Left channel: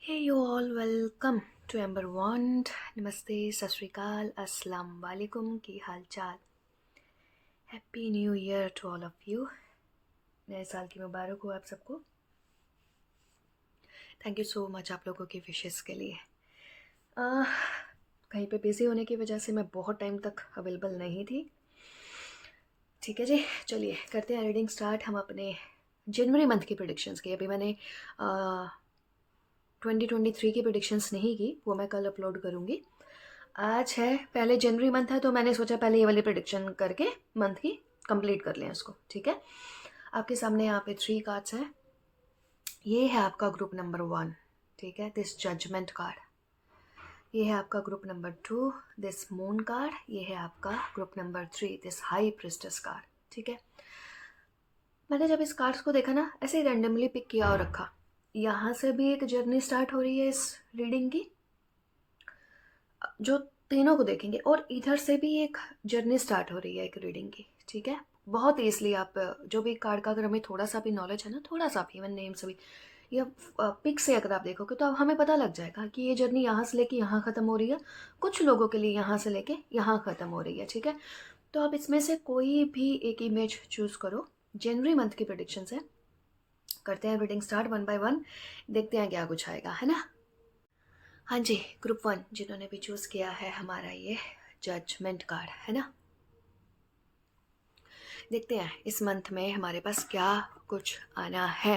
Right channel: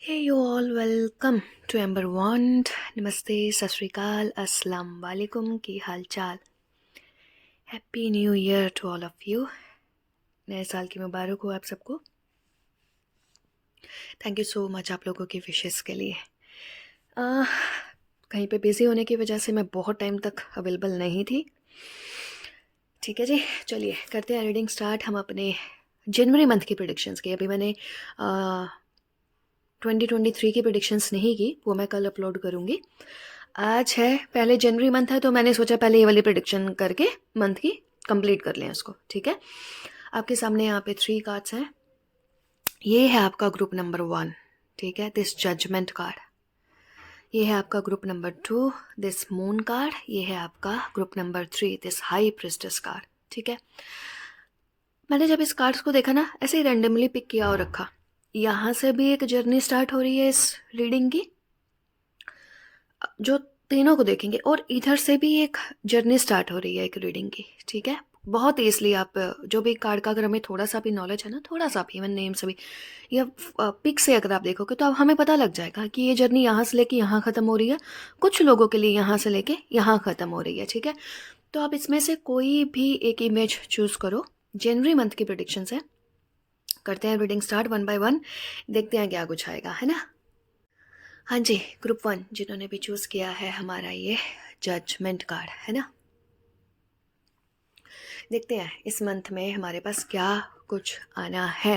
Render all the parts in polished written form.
Hey you all, welcome to Amber Wand. नमस्ते, सत श्री अकाल, अस्सलाम वालेकुम। की हाल चाल? Happy new year to all of you. नए साल की मुबारक हो आप सबको। थैंक यू सो मच आप लोगों की विशेस के लिए। कहीं पे बिज़ी होने की वजह से मैं बहुत टाइम तक अवेलेबल नहीं थी। ठीक है जी, चलिए करते हैं रीडिंग स्टार्ट। हम अपने जनवरी मंथ की प्रिडिक्शंस की, अभी मैंने 2023 की प्रिडिक्शंस नहीं की, वो मैं कल अपलोड करूँगी। आज है पहले जनवरी मंथ है, तो मैंने सोचा पहले ये वाली प्रिडिक्शन करके मंथ की कंप्लीट कर लें उसको। ठीक है, आपके सामने यहाँ पे 3 कार्ड्स हैं। ये है आपका ग्रुप नंबर 1, ठीक है, दिस जजमेंट कार्ड। ये है आपका group number 2, this moon card. ये है आपका group number 3, this high priestess card. ठीक है, मैंने जब इस कार्ड्स को देखा ना, ऐसे ही रैंडमली पिक किया और रखा। यहाँ से भी एक जर्नी स्टार्ट हो रही है इस रीडिंग की, जो तीनों को देखेंगे, और इधर से भी एक जर्नी स्टार्ट हो रही है एक रीडिंग की। ठीक है, बहुत ईजली आप जो भी कार्ड का, अगर हमें थोड़ा सा भी नॉलेज है ना, थोड़ा सा भी, इवन नेम से भी, या पिक से अगर आप देखोगे तो अब हमें पता लग जाएगा कि ये जर्नी यहाँ से लेके यहाँ ख़त्म हो रही है, कुछ लोगों के लिए यहाँ से लेके यहाँ ख़त्म हो रही है। ठीक है, तो आप इसमें से कोई भी एक इमेज चूज़ करो। जनवरी मंथ की प्रिडिक्शन है, करते हैं reading start one by one, देखते हैं क्या कुछ आएगा, है ना। हाँ जी, ग्रुप 1 जिन्होंने भी चूज़ किया है हमारा ये जजमेंट कार्ड, है ना। देखते हैं इस मंथ में हमारे पास क्या कुछ आना है।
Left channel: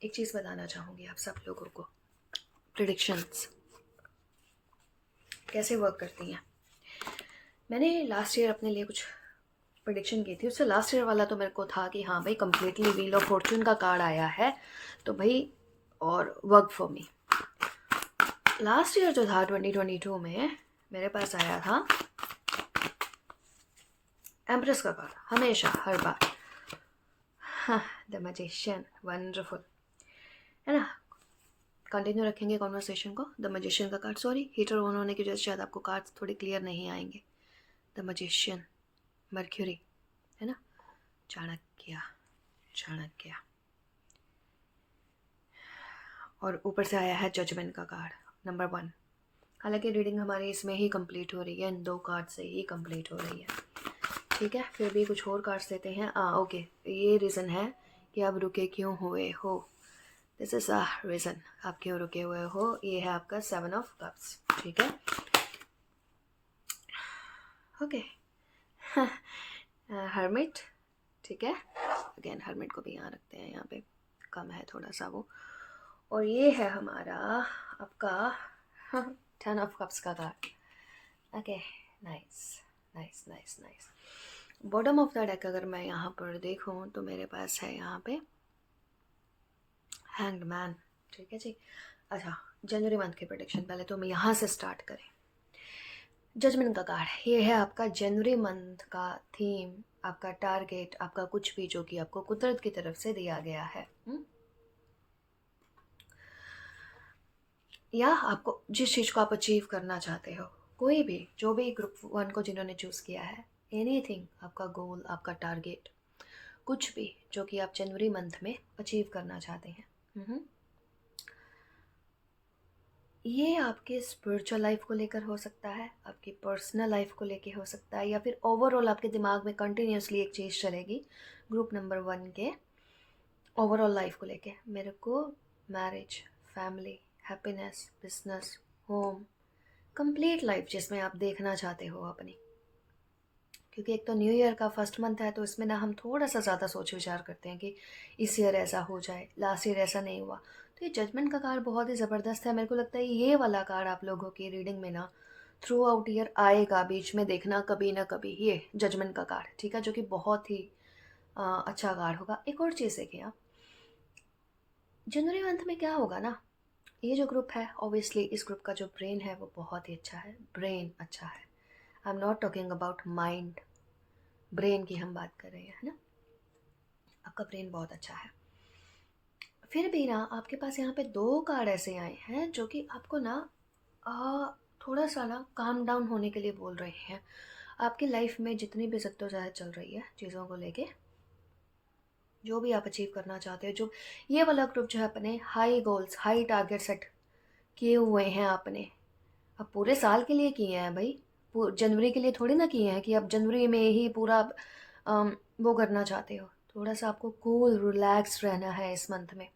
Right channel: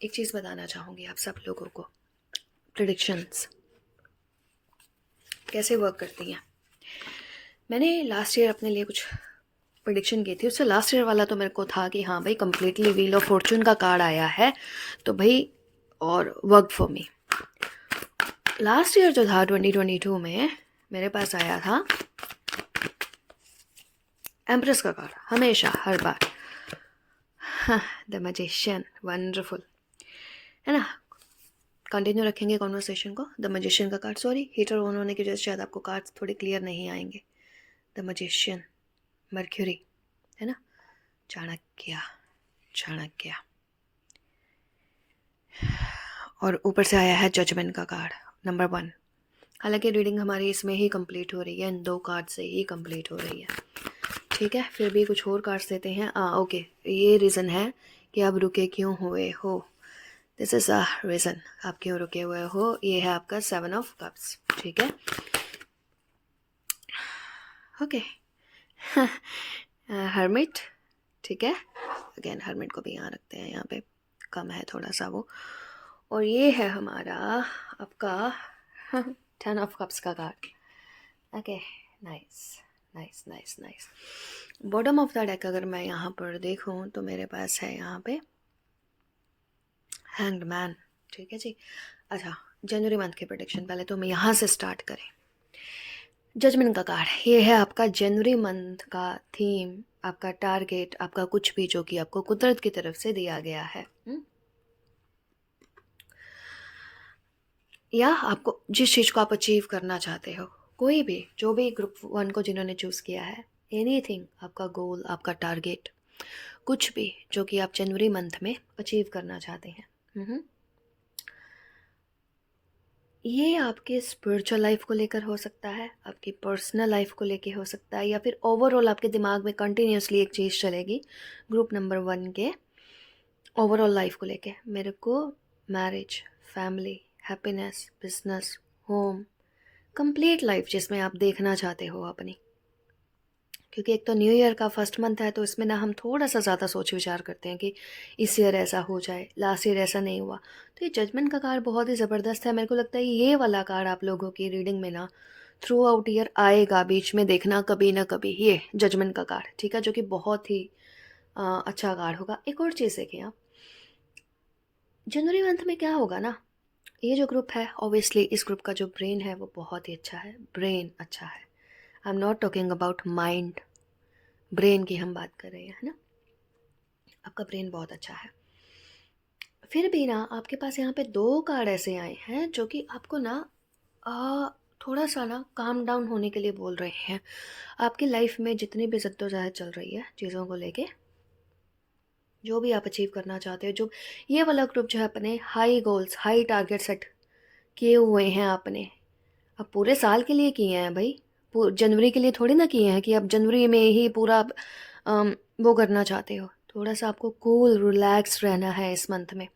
एक चीज़ बताना चाहूँगी आप सब लोगों को, प्रिडिक्शंस कैसे वर्क करती हैं। मैंने लास्ट ईयर अपने लिए कुछ प्रिडिक्शन की थी, उससे लास्ट ईयर वाला तो मेरे को था कि हाँ भाई कंप्लीटली व्हील ऑफ फॉर्चून का कार्ड आया है, तो भाई और work for me. Last year जो था 2022 में मेरे पास आया था एम्प्रेस का कार्ड, हमेशा हर बार। द मैजिशियन, वंडरफुल, है ना। कंटिन्यू रखेंगे कॉन्वर्सेशन को। द मैजिशियन का कार्ड, सॉरी हीटर ऑन होने की वजह से शायद आपको कार्ड्स थोड़े क्लियर नहीं आएंगे। द मैजिशियन, मर्क्यूरी, है ना, चाणक्य, चाणक्य, और ऊपर से आया है जजमेंट का कार्ड नंबर 1। हालांकि रीडिंग हमारी इसमें ही कंप्लीट हो रही है, इन 2 कार्ड से ही कंप्लीट हो रही है। ठीक है, फिर भी कुछ और कार्ड्स देते हैं। ओके, ये रीज़न है कि आप रुके क्यों हुए हो। दिस इज़ अ रीज़न आप क्यों रुके हुए हो। ये है आपका 7 ऑफ कप्स। ठीक है, ओके। हर्मिट, ठीक है, अगेन हर्मिट को भी यहाँ रखते हैं, यहाँ पे कम है थोड़ा सा वो। और ये है हमारा आपका 10 ऑफ कप्स का card. Okay, nice nice nice nice. Bottom of the deck अगर मैं यहाँ पर देखूँ तो मेरे पास है यहाँ पे हैंग्ड मैन। ठीक है जी। अच्छा, जनवरी मंथ की प्रोडिक्शन पहले तो हम यहाँ से स्टार्ट करें। जजमेंट का कार्ड, ये है आपका जनवरी मंथ का थीम, आपका टारगेट, आपका कुछ भी जो कि आपको कुदरत की तरफ से दिया गया है, या आपको जिस चीज़ को आप अचीव करना चाहते हो, कोई भी, जो भी ग्रुप 1 को जिन्होंने चूज़ किया है, एनीथिंग, आपका गोल, आपका टारगेट, कुछ भी जो कि आप जनवरी मंथ में अचीव करना चाहते हैं, ये आपके स्पिरिचुअल लाइफ को लेकर हो सकता है, आपकी पर्सनल लाइफ को लेकर हो सकता है, या फिर ओवरऑल आपके दिमाग में कंटिन्यूसली एक चीज़ चलेगी ग्रुप नंबर 1 के ओवरऑल लाइफ को लेके। मेरे को marriage, family, happiness, business, home, complete life जिसमें आप देखना चाहते हो अपनी। क्योंकि एक तो न्यू ईयर का फर्स्ट मंथ है, तो इसमें ना हम थोड़ा सा ज़्यादा सोच विचार करते हैं कि इस ईयर ऐसा हो जाए, लास्ट ईयर ऐसा नहीं हुआ। तो ये जजमेंट का कार्ड बहुत ही ज़बरदस्त है। मेरे को लगता है ये वाला कार्ड आप लोगों की रीडिंग में ना थ्रू आउट ईयर आएगा, बीच में देखना कभी ना कभी, ये जजमेंट का कार्ड। ठीक है, जो कि बहुत ही अच्छा कार्ड होगा। एक और चीज़ देखें आप, जनवरी मंथ में क्या होगा ना, ये जो ग्रुप है, ऑब्वियसली इस ग्रुप का जो ब्रेन है वो बहुत ही अच्छा है, ब्रेन अच्छा है। I am not talking about mind, brain की हम बात कर रहे हैं, है ना। आपका ब्रेन बहुत अच्छा है। फिर भी ना आपके पास यहाँ पे 2 कार्ड ऐसे आए हैं जो कि आपको ना थोड़ा सा ना काम डाउन होने के लिए बोल रहे हैं। आपकी लाइफ में जितनी भी जद्दोजहद चल रही है चीज़ों को लेके, जो भी आप अचीव करना चाहते हो, जो ये वाला ग्रुप जो है अपने high goals, high target set किए हुए हैं आपने, अब पूरे साल के लिए किए हैं भाई, जनवरी के लिए थोड़ी ना किए हैं कि अब जनवरी में ही पूरा वो करना चाहते हो। थोड़ा सा आपको कूल रिलैक्स रहना है इस मंथ में।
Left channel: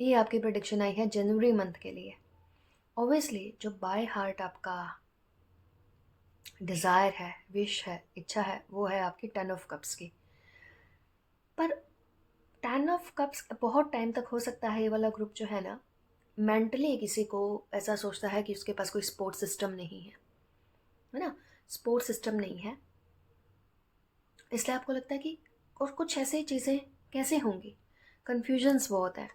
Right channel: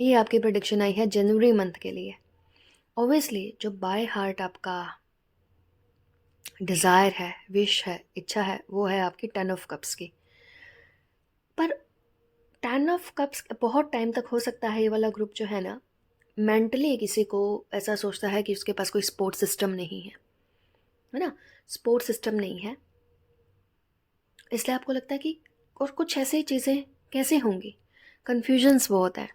ये आपकी प्रेडिक्शन आई है जनवरी मंथ के लिए। ऑब्वियसली जो बाय हार्ट आपका डिज़ायर है, विश है, इच्छा है, वो है आपकी 10 ऑफ कप्स की। पर 10 ऑफ कप्स बहुत टाइम तक हो सकता है ये वाला ग्रुप जो है ना, मेंटली किसी को ऐसा सोचता है कि उसके पास कोई सपोर्ट सिस्टम नहीं है ना, सपोर्ट सिस्टम नहीं है, इसलिए आपको लगता है कि और कुछ ऐसी चीज़ें कैसे होंगी, कन्फ्यूजन्स बहुत है,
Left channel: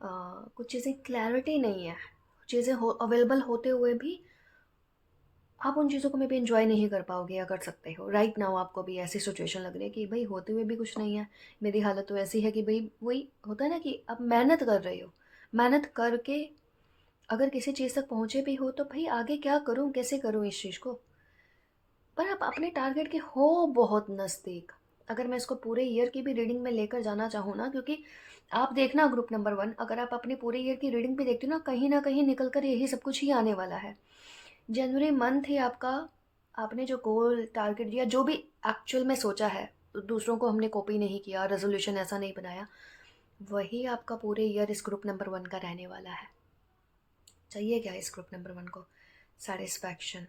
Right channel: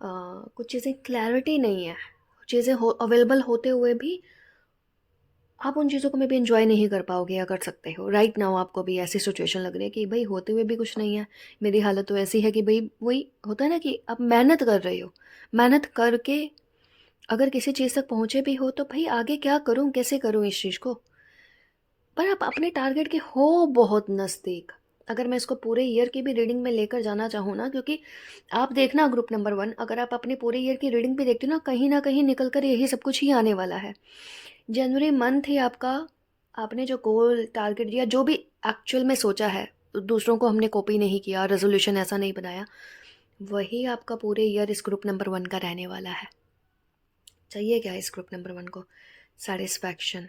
कुछ चीज़ें क्लैरिटी नहीं है, चीज़ें अवेलेबल होते हुए भी आप उन चीज़ों को मे भी इन्जॉय नहीं कर पाओगे या कर सकते हो। राइट नाउ आपको भी ऐसी सिचुएशन लग रही है कि भाई होते हुए भी कुछ नहीं है, मेरी हालत तो ऐसी है कि भाई वही होता है ना कि आप मेहनत कर रहे हो, मेहनत करके अगर किसी चीज़ तक पहुँचे भी हो तो भाई आगे क्या करूँ, कैसे करूँ इस चीज़ को, पर आप अपने टारगेट के हो बहुत नज़दीक। अगर मैं इसको पूरे ईयर की भी रीडिंग में लेकर जाना चाहूँ ना, क्योंकि आप देखना ग्रुप नंबर 1, अगर आप अपने पूरे ईयर की रीडिंग भी देखते हो ना कहीं निकल कर यही सब कुछ ही आने वाला है। जनवरी मंथ ही आपका, आपने जो गोल टारगेट दिया, जो भी एक्चुअल में सोचा है, दूसरों को हमने कॉपी नहीं किया, रेजोल्यूशन ऐसा नहीं बनाया, वही आपका पूरे ईयर इस ग्रुप नंबर 1 का रहने वाला है। चाहिए क्या इस ग्रुप नंबर 1 को? Satisfaction,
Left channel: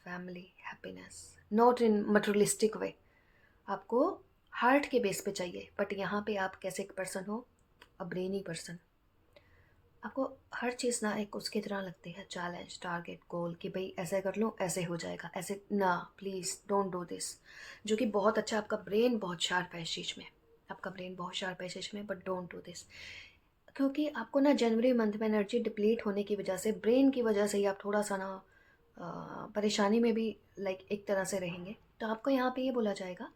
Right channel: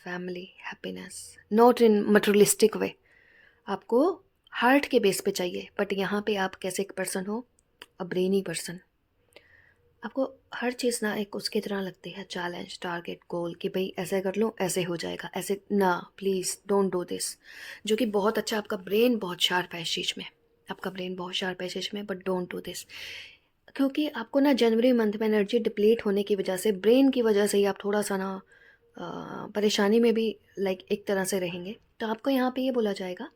family, happiness, not in materialistic way, आपको हार्ट के बेस पे चाहिए, बट यहाँ पे आप कैसे एक पर्सन हो, अ ब्रेनी पर्सन, आपको हर चीज़ ना एक उसकी तरह लगती है, चैलेंज, टारगेट, गोल, कि भाई ऐसे कर लूँ ऐसे हो जाएगा, ऐसे ना, प्लीज़ डोंट डू दिस, जो कि बहुत अच्छा, आपका ब्रेन बहुत शार्प है इस चीज़ में, आपका ब्रेन बहुत शार्प है इस चीज़ में, बट डोंट डू दिस, क्योंकि आपको ना जनवरी मंथ में एनर्जी डिप्लीट होने की वजह से, ब्रेन की वजह से ही आप थोड़ा सा ना परेशानी में भी लाइक एक तरह से रहेंगे। तो आपको यहाँ पे ये बोला जाएगा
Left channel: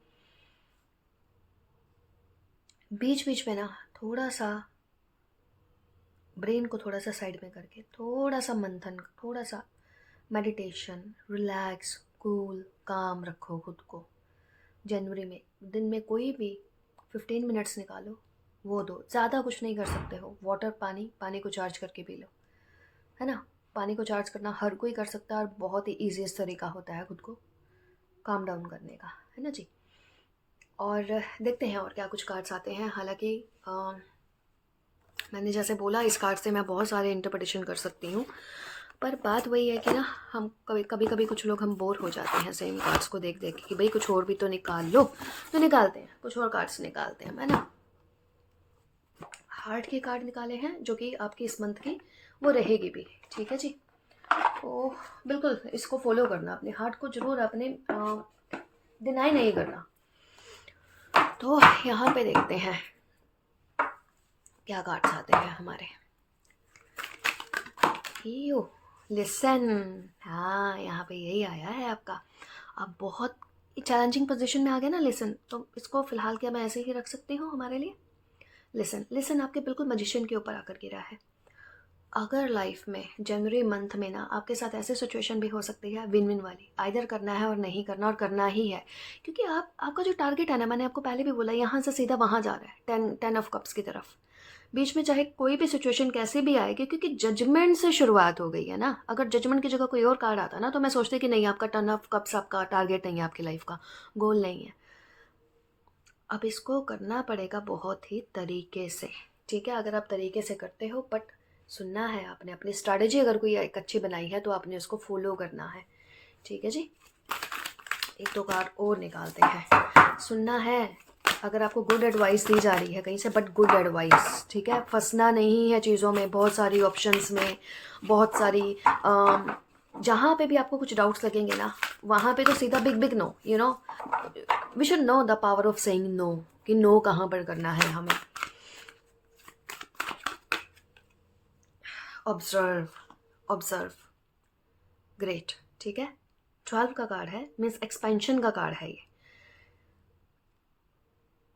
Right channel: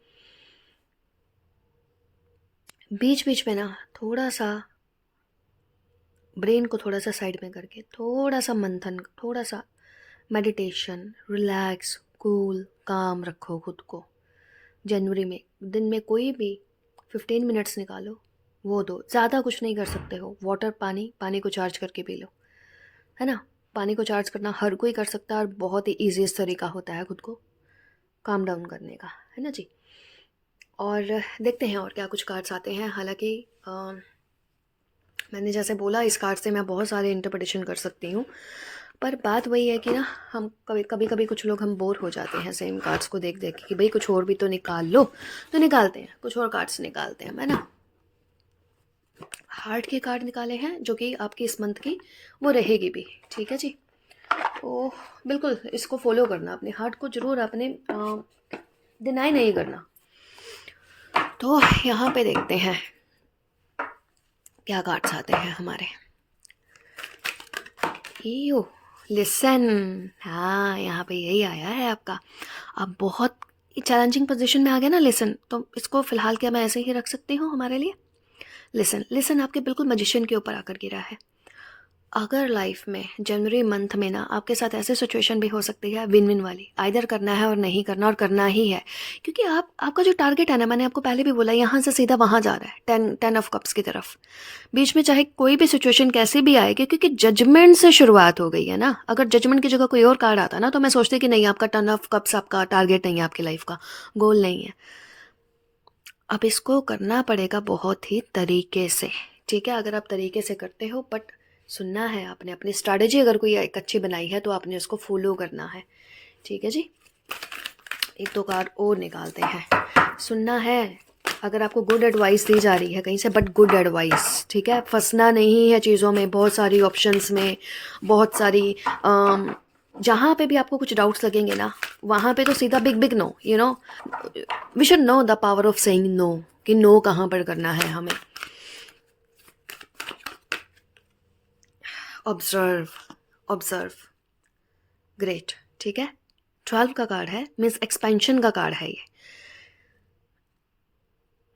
बीच बीच में ना थोड़ा सा ब्रेन को थोड़ा सा साइड में करके थोड़ा सा मंथन, थोड़ा सा मेडिटेशन, रिलैक्स, कूल, काम रखो खुद को। जनवरी में दिन में कोई भी 15 मिनट्स निकालो, वो दो, ज़्यादा कुछ नहीं कर सकते हो, वाटर, पानी को चार्ज करके पी लो, है ना। पानी को चार्ज करना हर कोई कर सकता है और बहुत ही ईजीएस्ट तरीका होता है खुद को काम डाउन करने का, है ना जी। और देखते हैं और क्या कुछ कार्ड्स आते हैं। हालांकि मैंने जैसे बोला इस कार्ड से मैं बहुत सारे इंटरप्रिटेशन कर सकती हूँ, पर बात वही है कि ना हम कभी कभी कुछ लोग हम बोर हो जाते हैं सेम कार्ड्स को देख देख के कि भाई कुछ और भी तो निकाल लो, तो निकालते हैं कुछ और कार्ड्स निकालते हैं। मैंने हार्ट के कार्ड निकाले हैं जो कि आपकी इस मंथ की वो रहेगी भी, ठीक है जी। तो बिल्कुल इसको फॉलो करना, अपने हार्ट को ज़रूर आपने डिनाई नहीं करना। तो यहाँ पे देखते हैं क्या कार्ड्स आते हैं हमारे। यू लिसन, हाँ यहाँ पे यही आया है आपका। अब बहुत चैलेंजिंग पोजीशन में आ गया ना लिसन, तो इसको फिलहाल क्या मैं ऐसे ही रख सकती हूँ हमारे लिए। लिसन, लिसन आपके बिल्कुल मजिशियन के ऊपर आकर गिरा है। अगर लाइफ में जनवरी मंथ में ना आपके साथ ऐसे सिचुएशन भी हो सकती है विन विन वाली, आइदर करना है और नहीं करना, और करना ही है, क्योंकि आपका जो टारगेट है ना, मैंने आपको पहले भी बोला, यहाँ से सीधा वहाँ जा रहा है, 10 ऑफ कप्स की तरफ। बीच में चाहे कोई भी सिचुएशन कैसे भी आएगी, क्योंकि जजमेंट से शुरुआत हो गई है ना। अगर जजमेंट की जगह कोई और कार्ड आता ना तो मैं सोचती कि नहीं, आपका 10 ऑफ कप्स आपका टारगेट नहीं है, आपकी लाइफ का गोल नहीं है। अब इसको करना पड़ेगा बहुत ही तरीके से, ठीक है। अगर आप तरीके से करते हो, बट सुनना है आपने, अपनी स्ट्रैटेजी अगर कोई एक अच्छी बनाई है तो आपने उसको फॉलो करना है, ठीक है जी। एक दो कार्ड और निकालते हैं, सुनना है। अगर आपको गुड एडवाइस दी जा रही है कहीं से, बट गुड एडवाइस, ठीक है, फंसना नहीं है चीज़ों में, बहुत सारी ऑप्शंस में, बहुत सारी जहाँ पे भी आपको कुछ डाउट्स लगेंगे ना, वहाँ पे तो सीधा big big no, you know, we should know the power of saying no, कि नो कहाँ पर करना है हमें। ऑब्जर्व, ऑब्जर्व, ग्रेट, ठीक है। 12 का कार्ड है, मीन्स एक्सपेंशन का कार्ड है ये।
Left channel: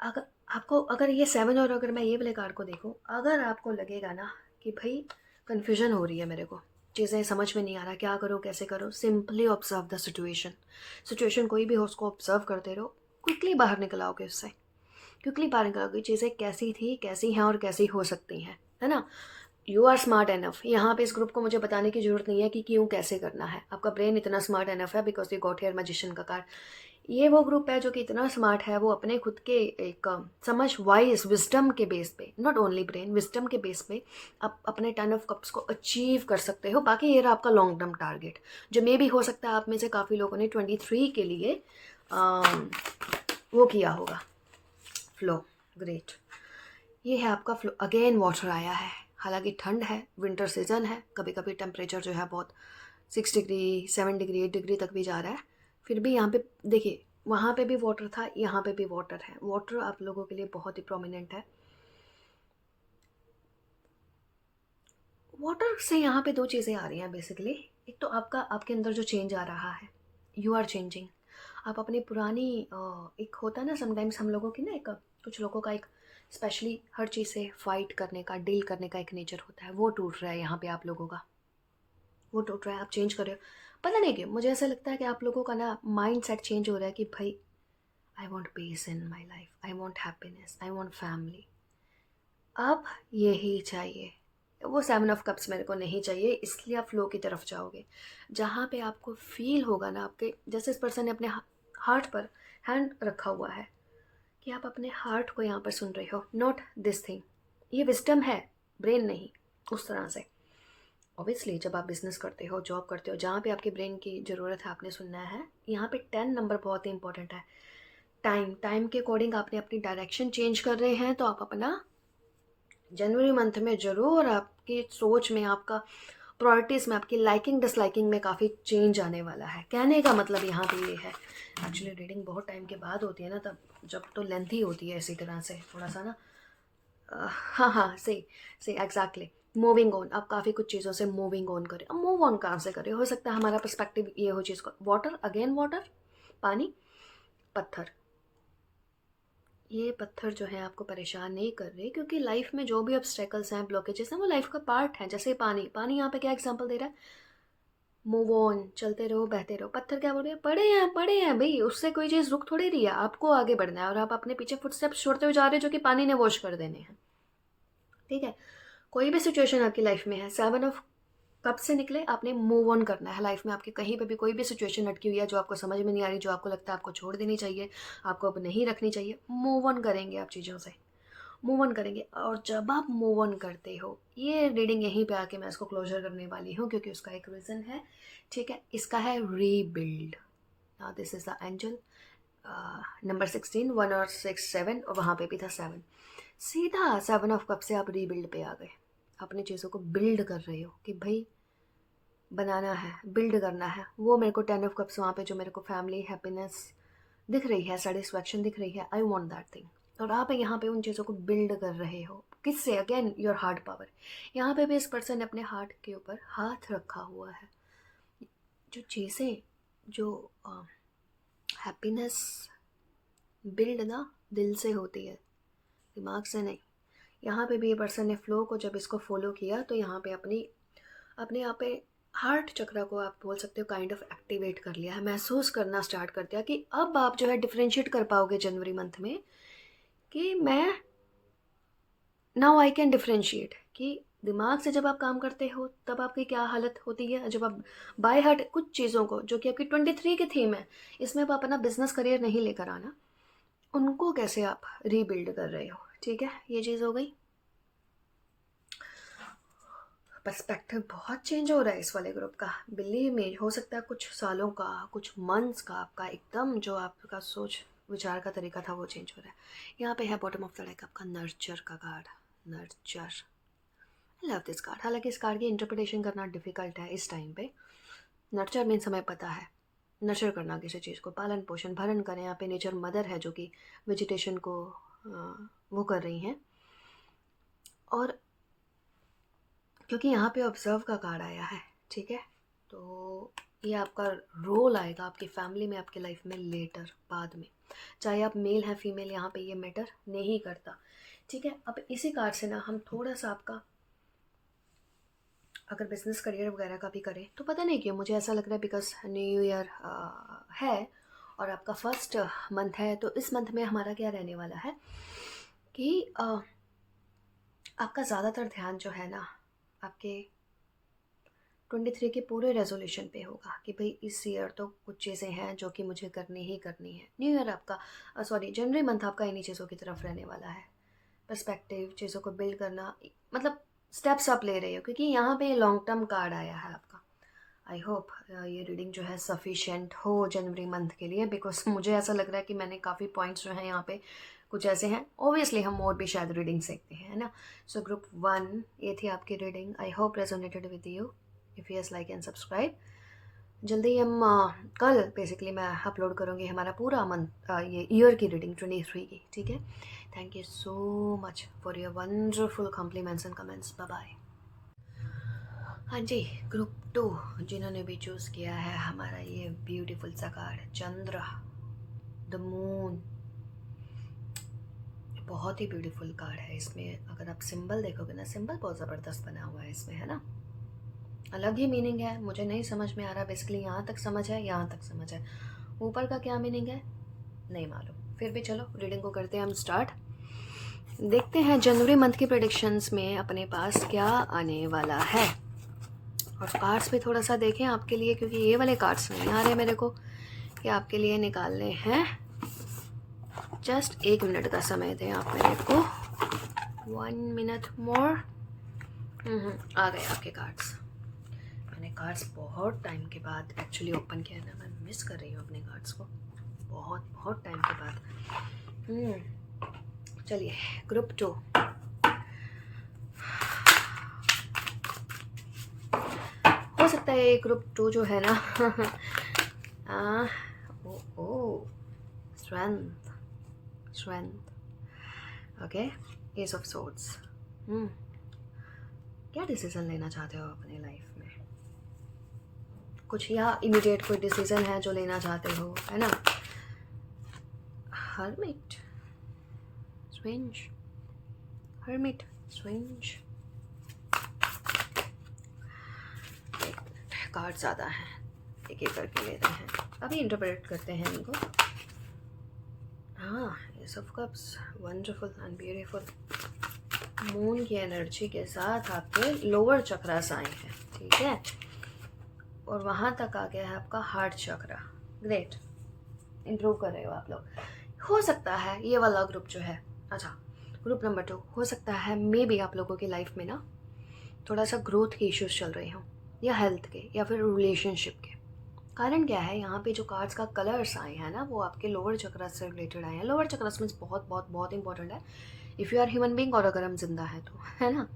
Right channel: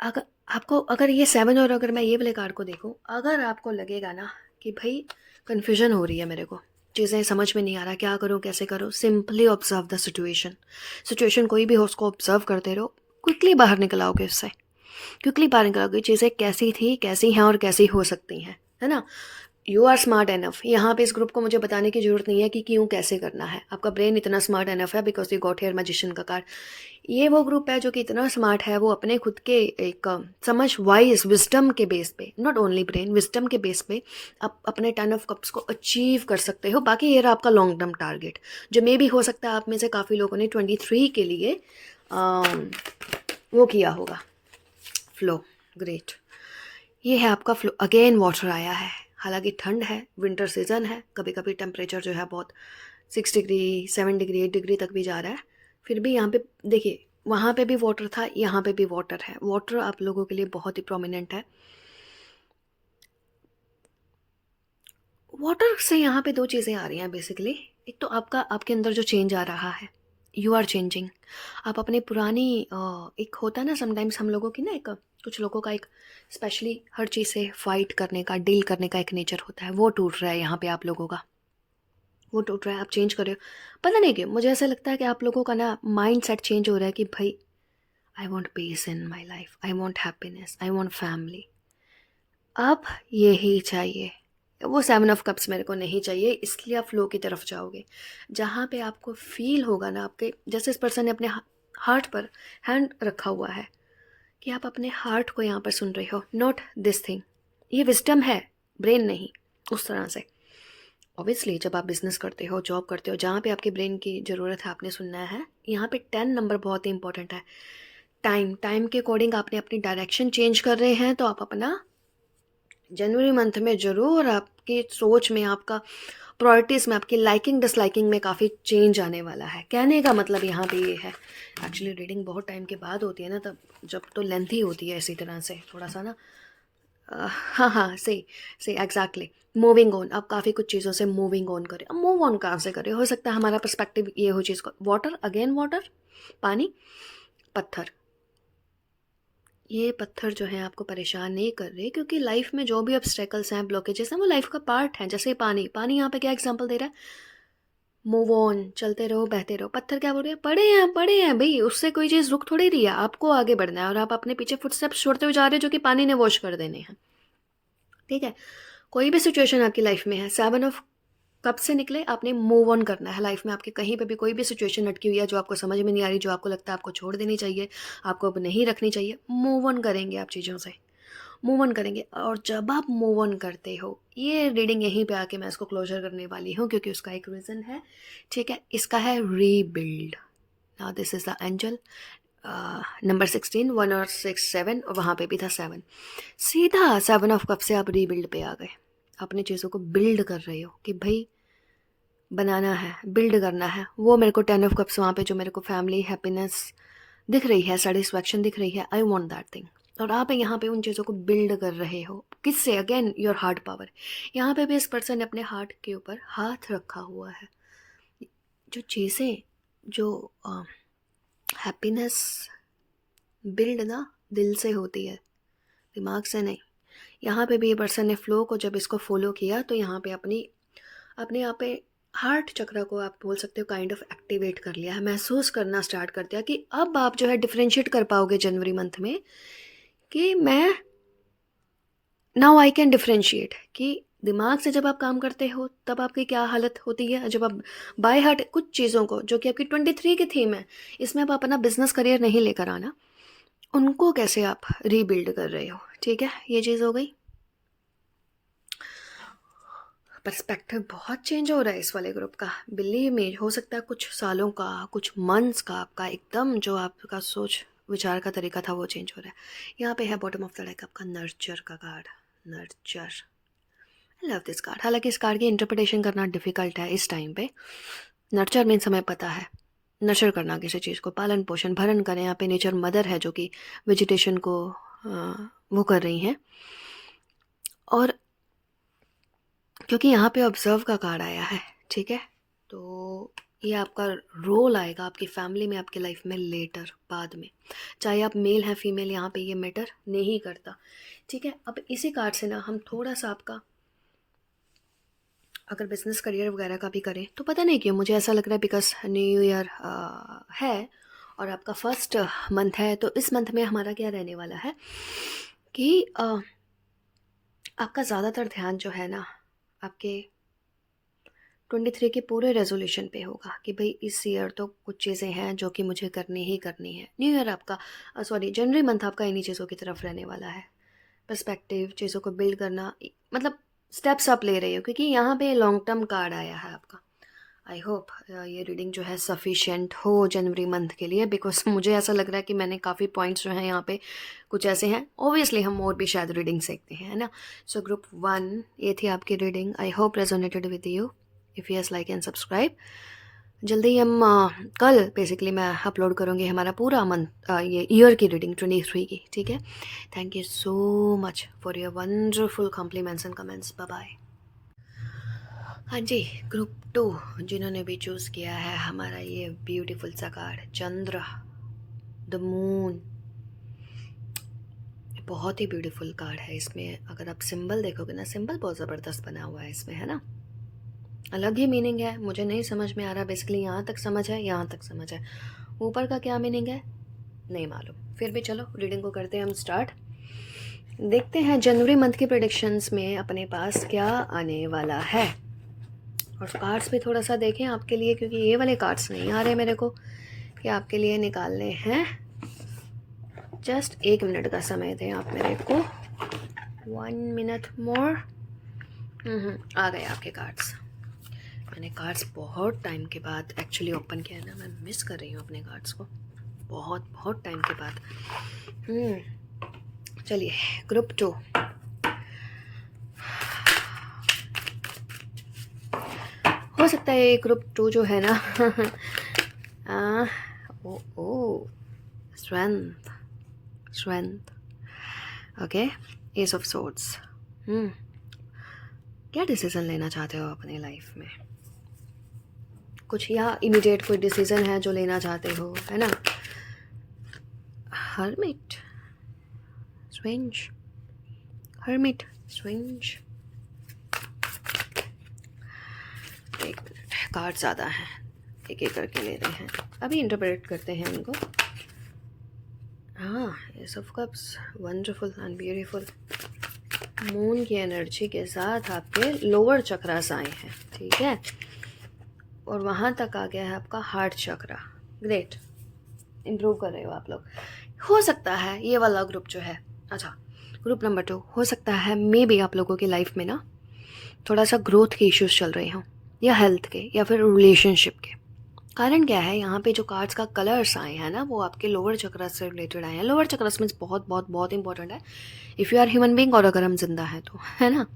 अगर आपको, अगर ये 7 और अगर मैं ये वाले कार्ड को देखूं, अगर आपको लगेगा ना कि भाई कन्फ्यूजन हो रही है मेरे को, चीज़ें समझ में नहीं आ रहा, क्या करूं कैसे करूं, simply observe the situation. Situation कोई भी हो उसको ऑब्जर्व करते रहो, क्विकली बाहर निकल आओगे उससे। क्विकली पता निकलोगे चीज़ें कैसी थी, कैसी हैं और कैसी हो सकती हैं, है ना। You are smart enough. यहाँ पे इस ग्रुप को मुझे बताने की ज़रूरत नहीं है कि क्यों कैसे करना है, आपका ब्रेन इतना स्मार्ट एनफ है because you got hair magician का कार्ड। ये वो ग्रुप है जो कि इतना स्मार्ट है, वो अपने खुद के एक समझ, वाइज, विजडम के बेस पे, नॉट ओनली ब्रेन, विजडम के बेस पे आप अपने 10 ऑफ कप्स को अचीव कर सकते हो। बाकी ये रहा आपका लॉन्ग टर्म टारगेट, जो मे भी हो सकता है आप में से काफ़ी लोगों ने 23 के लिए वो किया होगा, फ्लो। ग्रेट। ये है आपका फ्लो। अगेन वाटर आया है, हालांकि ठंड है, विंटर सीजन है, कभी कभी टेम्परेचर जो है बहुत 6 डिग्री 7 डिग्री 8 डिग्री तक भी जा रहा है। फिर भी यहाँ पे देखिए, वहाँ पे भी वाटर था, यहाँ पे भी वाटर है। वाटर आप लोगों के लिए बहुत ही प्रोमिनेंट है। वाटर से यहाँ पे दो चीज़ें आ रही हैं बेसिकली। एक तो आपका, आपके अंदर जो चेंज आ रहा है, यू आर चेंजिंग। आप अपनी पुरानी एक होता है ना समटाइम्स हम लोगों की ना, एक कुछ लोगों का एक स्पेशली हर चीज़ से फाइट करने का, डील करने का एक नेचर होता है, वो टूट रहा है यहाँ पे आप लोगों का। वो टूट रहा है, आप चेंज कर रहे हो। पता नहीं क्यों मुझे ऐसा लगता है कि आप लोगों का ना माइंड सेट चेंज हो रहा है कि भाई I want piece in my life, I want happiness, I want family. अब यही चाहिए, वो 7 ऑफ कप्स मेरे को नहीं चाहिए, इसलिए आप फ्लो की तरफ जाओगे, जहाँ पे आपको फील होगा ना, आपके जैसे इस पर्सन ने अपने हार्ट पर हैंड रखा हुआ है, कि आप अपने हार्ट को यहाँ पर सुन रहे हो, नॉट दिस थिंग। ये विस्डम है, ब्रेन नहीं, उस तरह से। ऑब्वियसली जब आप बिजनेस करते हो, जॉब करते हो, जहाँ पे आपके ब्रेन की ज़रूरत है, आपने सुनना है। यहाँ पे 10 नंबर बहुत ही इंपॉर्टेंट है। टाइम के अकॉर्डिंग आपने अपनी डायरेक्शन चेंज कर रहे हैं, तो आप अपना जनवरी मंथ में ज़रूर आपकी सोच में, आपका प्रायोरिटीज़ में, आपकी लाइकिंग डिसलाइकिंग में काफ़ी चेंज आने वाला है। कहने का मतलब यहाँ पे ये है, एक्चुअली रीडिंग बहुत टाइम के बाद होती है ना, तब जब तो लेंथी होती है इसी तरह से थोड़ा सा ना। हाँ हाँ, सही एग्जैक्टली। मूविंग ऑन, आप काफ़ी कुछ चीज़ों से मूविंग ऑन करें। अब मूव ऑन कहाँ से करें, हो सकता है हमारा पर्सपेक्टिव ये हो चीज़ को, वाटर, अगेन वाटर, पानी, पत्थर। ये पत्थर जो है आपको परेशान नहीं कर रहे, क्योंकि लाइफ में जो भी ऑब्स्टेकल्स हैं, ब्लॉकेजेस हैं, वो लाइफ का पार्ट है। जैसे पानी यहाँ पे क्या एग्जांपल दे रहा है, मूव ऑन, चलते रहो, बहते रहो। पत्थर क्या बोल रहे हैं, पड़े हैं भाई, उससे कोई चीज़ रुक थोड़ी रही है, आपको आगे बढ़ना है, और आप अपने पीछे फुटस्टेप्स छोड़ते हुए जा रहे हो जो कि पानी ने वॉश कर देने हैं। ठीक है, कोई भी सिचुएशन आपकी लाइफ में है, 7 ऑफ कब से निकले, आपने मूव ऑन करना है। लाइफ में आपके कहीं पे भी कोई भी सिचुएशन अटकी हुई है जो आपको समझ में नहीं आ रही, जो आपको लगता है आपको छोड़ देनी चाहिए, आपको अब नहीं रखनी चाहिए, मूव ऑन करेंगे आप चीज़ों से, मूव ऑन करेंगे। और जब आप मूव ऑन करते हो, ये रीडिंग यहीं पे आके मैं इसको क्लोजर करने वाली हूँ, क्योंकि उसका एक रीज़न है। ठीक है, इसका है rebuild. Now this is the angel number 16, 1 और 6 7, और वहाँ पे भी था 7। सीधा 7 ऑफ कप से आप रीबिल्ड पे आ गए, अपनी चीज़ों को बिल्ड कर रहे हो कि भाई बनाना है, बिल्ड करना है। वो मेरे को 10 ऑफ कप्स वहाँ पे जो मेरे को फैमिली, हैप्पीनेस दिख रही है, सेटिस्फैक्शन दिख रही है, आई वॉन्ट दैट थिंग। और आप यहाँ पे उन चीज़ों को बिल्ड कर रहे हो, किससे, अगेन योर हार्ट पावर। यहाँ पे भी इस पर्सन ने अपने हार्ट के ऊपर हाथ रखा हुआ है। जो चीज़ें, जो हैप्पीनेस बिल्ड ना दिल से होती है, दिमाग से नहीं। यहाँ पे भी ये पर्सन ने फ्लो को जब इसको फॉलो किया, तो यहाँ पे अपने यहाँ पे हार्ट चक्र को आप बोल सकते हो काइंड ऑफ एक्टिवेट कर लिया है, महसूस करना स्टार्ट कर दिया कि अब आप जो है डिफ्रेंशिएट कर पाओगे जनवरी मंथ में, कि मैं नाउ आई कैन डिफ्रेंशिएट, कि दिमाग से जब आप काम करते हो तब आपकी क्या हालत होती है, जब आप बाय हार्ट कुछ चीज़ों को, जो कि आपकी 23 की थीम है, इसमें आप अपना बिजनेस करियर नहीं लेकर आना, उनको कैसे आप रीबिल्ड कर रहे हो। ठीक है, ये चीज़ हो गई। पर्सपेक्टिव बहुत चेंज हो रहा है इस वाले ग्रुप का, बिलीव में। हो सकता है कुछ सालों का, कुछ मंथ्स का, आपका एकदम जो आपका सोच विचार का तरीका था वो चेंज हो रहा है। यहाँ पे है बॉटम ऑफ द डेक आपका नर्चर का card, nurture. I love this card. हालांकि इस कार्ड की इंटरप्रिटेशन करना डिफिकल्ट है इस टाइम पे। नर्चर मीन्स हमें पता है नर्चर करना, किसी चीज़ को पालन पोषण भरण करें। यहाँ पे नेचर मदर है जो कि वेजिटेशन को वो कर रही हैं। और क्योंकि यहाँ पे ऑब्जर्व का कार्ड आया है, ठीक है, तो ये आपका रोल आएगा आपकी फैमिली में, आपकी लाइफ में लेटर, बाद में। चाहे आप मेल हैं फीमेल, यहाँ पे ये मैटर नहीं करता। ठीक है, अब इसी कार्ड से ना हम थोड़ा सा आपका, अगर बिजनेस करियर वगैरह का भी करें, तो पता नहीं क्यों मुझे ऐसा लग रहा है बिकॉज न्यू ईयर है, और आपका फर्स्ट मंथ है, तो इस मंथ में हमारा क्या रहने वाला है कि आपका ज़्यादातर ध्यान जो है ना आपके 23 के पूरे रेजोल्यूशन पे होगा कि भाई इस ईयर तो कुछ चीज़ें हैं जो कि मुझे करनी ही करनी है। न्यू ईयर आपका जनवरी मंथ आपका इन्हीं चीज़ों की तरफ रहने वाला है। पर्सपेक्टिव, चीज़ों को बिल्ड करना, मतलब स्टेप्स आप ले रहे हो, क्योंकि यहाँ पे लॉन्ग टर्म कार्ड आया है आपका। आई होप ये रीडिंग जो है सफिशिएंट हो जनवरी मंथ के लिए, बिकॉज मुझे ऐसा लग रहा है कि मैंने काफ़ी पॉइंट्स जो हैं यहाँ पे कुछ ऐसे हैं। ओबियसली हम और भी शायद रीडिंग सीखते हैं, है ना। सो ग्रुप 1 ये थी आपकी reading. I hope resonated with you. If yes, like and subscribe. जल्दी हम कल बेसिकली मैं अपलोड करूँगी हमारा पूरा मंथ ये ईयर की रीडिंग 23 की, ठीक है। Thank you so much for your wonderful compliments and comments. Bye bye. हाँ जी, ग्रुप 2 जिन्होंने भी चूज़ किया है हमारा ये ब्यूटीफुल सा कार्ड चंद्र, द मून। बहुत ही ब्यूटीफुल कार्ड है। इसमें अगर आप सिंबल देखोगे ना, सिंबल बहुत ज़बरदस्त बना हुआ है इसमें, है ना। अलग ही मीनिंग है, मुझे नहीं समझ में आ रहा। बेसिकली यहाँ तक समझ है, यहाँ तक समझ है, ऊपर का क्या मीनिंग है नहीं मालूम। फिर भी चलो रीडिंग को करते हैं हम स्टार्ट। देखते हैं जनवरी मंथ की प्रेडिक्शंस में अपने पास क्या आने वाला है। और कार्ड्स भी थोड़ा सा देखें आपके लिए, क्योंकि ये वाले कार्ड्स नहीं आ रहे मेरे को, कि आपके लिए निकालने हैं। जस्ट 1 मिनट का समय दें आप मेरे को, 1 मिनट मोर। आ गए आपके कार्ड्स। मैंने कार्ड्स बहुत टाइम के बाद एक्चुअली ओपन किया है ना, मैं मिस कर रही हूँ अपने कार्ड्स को बहुत बहुत टाइम के बाद। चलिए ग्रुप 2। हो सकता है ये ग्रुप 2 जो है ना strength, strength, okay, S of swords. क्या डिसीजन लेना चाहते हो अपनी लाइफ में? कुछ या इमीडिएट कोई डिसीजन है जो लेना चाहते हो, है ना। Hermit, strange, hermit, strange. एक मिनट, कार्ड ज़्यादा हैं, एक एक करके ले रहे हैं, अभी इंटरप्रेट करते हैं इनको। हाँ, S of cups, wonderful and beautiful. Moon की एनर्जी के साथ आपके लोअर चक्रास आए हैं, ठीक है, और वहाँ तक आ गया है आपका हार्ट चक्रा। ग्रेट, इम्प्रूव कर रहे हो आप लोग। हो सकता है ये वाला ग्रुप जो है, अच्छा ग्रुप नंबर 2, हो सकता है मे बी आप लोगों की लाइफ में ना थोड़ा सा ग्रोथ के इश्यूज चल रहे हों, या हेल्थ के, या फिर रिलेशनशिप के। कारण क्या है, यहाँ पे जो कार्ड्स का कलर्स आए हैं ना वो आपके लोअर चक्रस से रिलेटेड आए हैं। लोअर चक्रस मीन्स बहुत बहुत बहुत इंपॉर्टेंट है if you are human being, और अगर हम जिंदा हैं तो, है ना।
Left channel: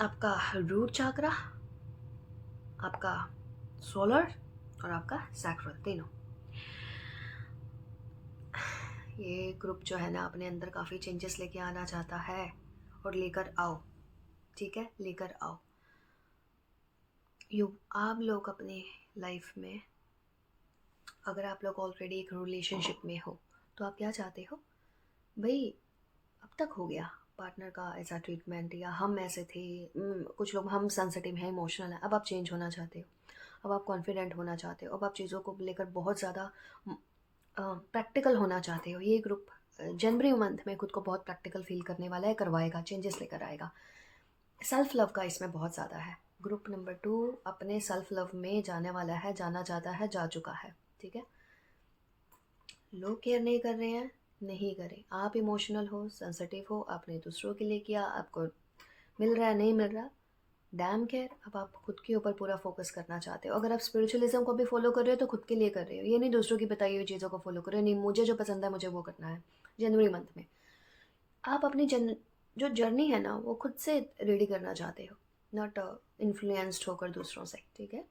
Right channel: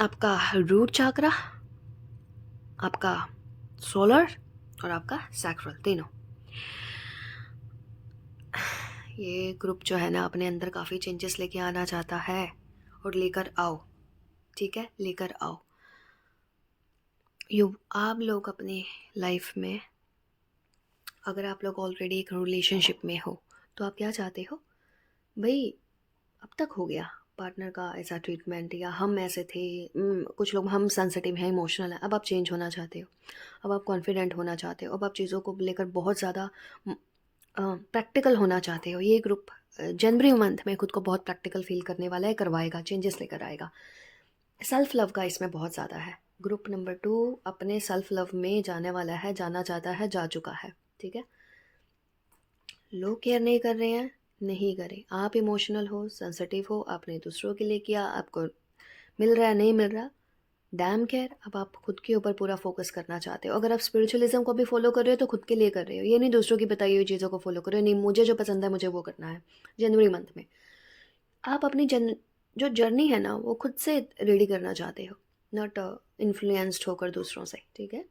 आपका रूट चक्रा, आपका सोलर, और आपका सैक्रल, तीनों। ये ग्रुप जो है ना अपने अंदर काफ़ी चेंजेस लेके आना चाहता है, और लेकर आओ, ठीक है, लेकर आओ। आप लोग अपनी लाइफ में, अगर आप लोग ऑलरेडी एक रिलेशनशिप में हो तो आप क्या चाहते हो भाई, अब तक हो गया पार्टनर का ऐसा ट्रीटमेंट, या हम ऐसे थे, कुछ लोग हम सेंसिटिव हैं, इमोशनल हैं, अब आप चेंज होना चाहते हो, अब आप कॉन्फिडेंट होना चाहते हो, अब आप चीज़ों को लेकर बहुत ज़्यादा प्रैक्टिकल होना चाहते हो। ये ग्रुप जनवरी मंथ में खुद को बहुत प्रैक्टिकल फील करने वाला है, करवाएगा, चेंजेस लेकर आएगा। सेल्फ लव का इसमें बहुत ज़्यादा है। ग्रुप नंबर 2 अपने सेल्फ लव में जाने वाला है, जाना चाहता है, जा चुका है, ठीक है। लोग केयर नहीं कर रहे हैं, नहीं करें। आप इमोशनल हो, सेंसिटिव हो, आपने दूसरों के लिए किया, आपको मिल रहा है नहीं मिल रहा, डैम केयर। अब आप खुद के ऊपर पूरा फोकस करना चाहते हो। अगर आप स्पिरिचुअलिज्म को भी फॉलो कर रहे हो तो खुद के लिए कर रहे हो, ये नहीं दूसरों की बताई हुई चीज़ों को फॉलो करो, नहीं मुझे जो पसंद है मुझे वो करना है। जनवरी मंथ में आप अपनी जो जर्नी है ना वो खुद से रेडी करना चाहते हो, नॉट इन्फ्लुएंस्ड होकर दूसरों से, ठीक है।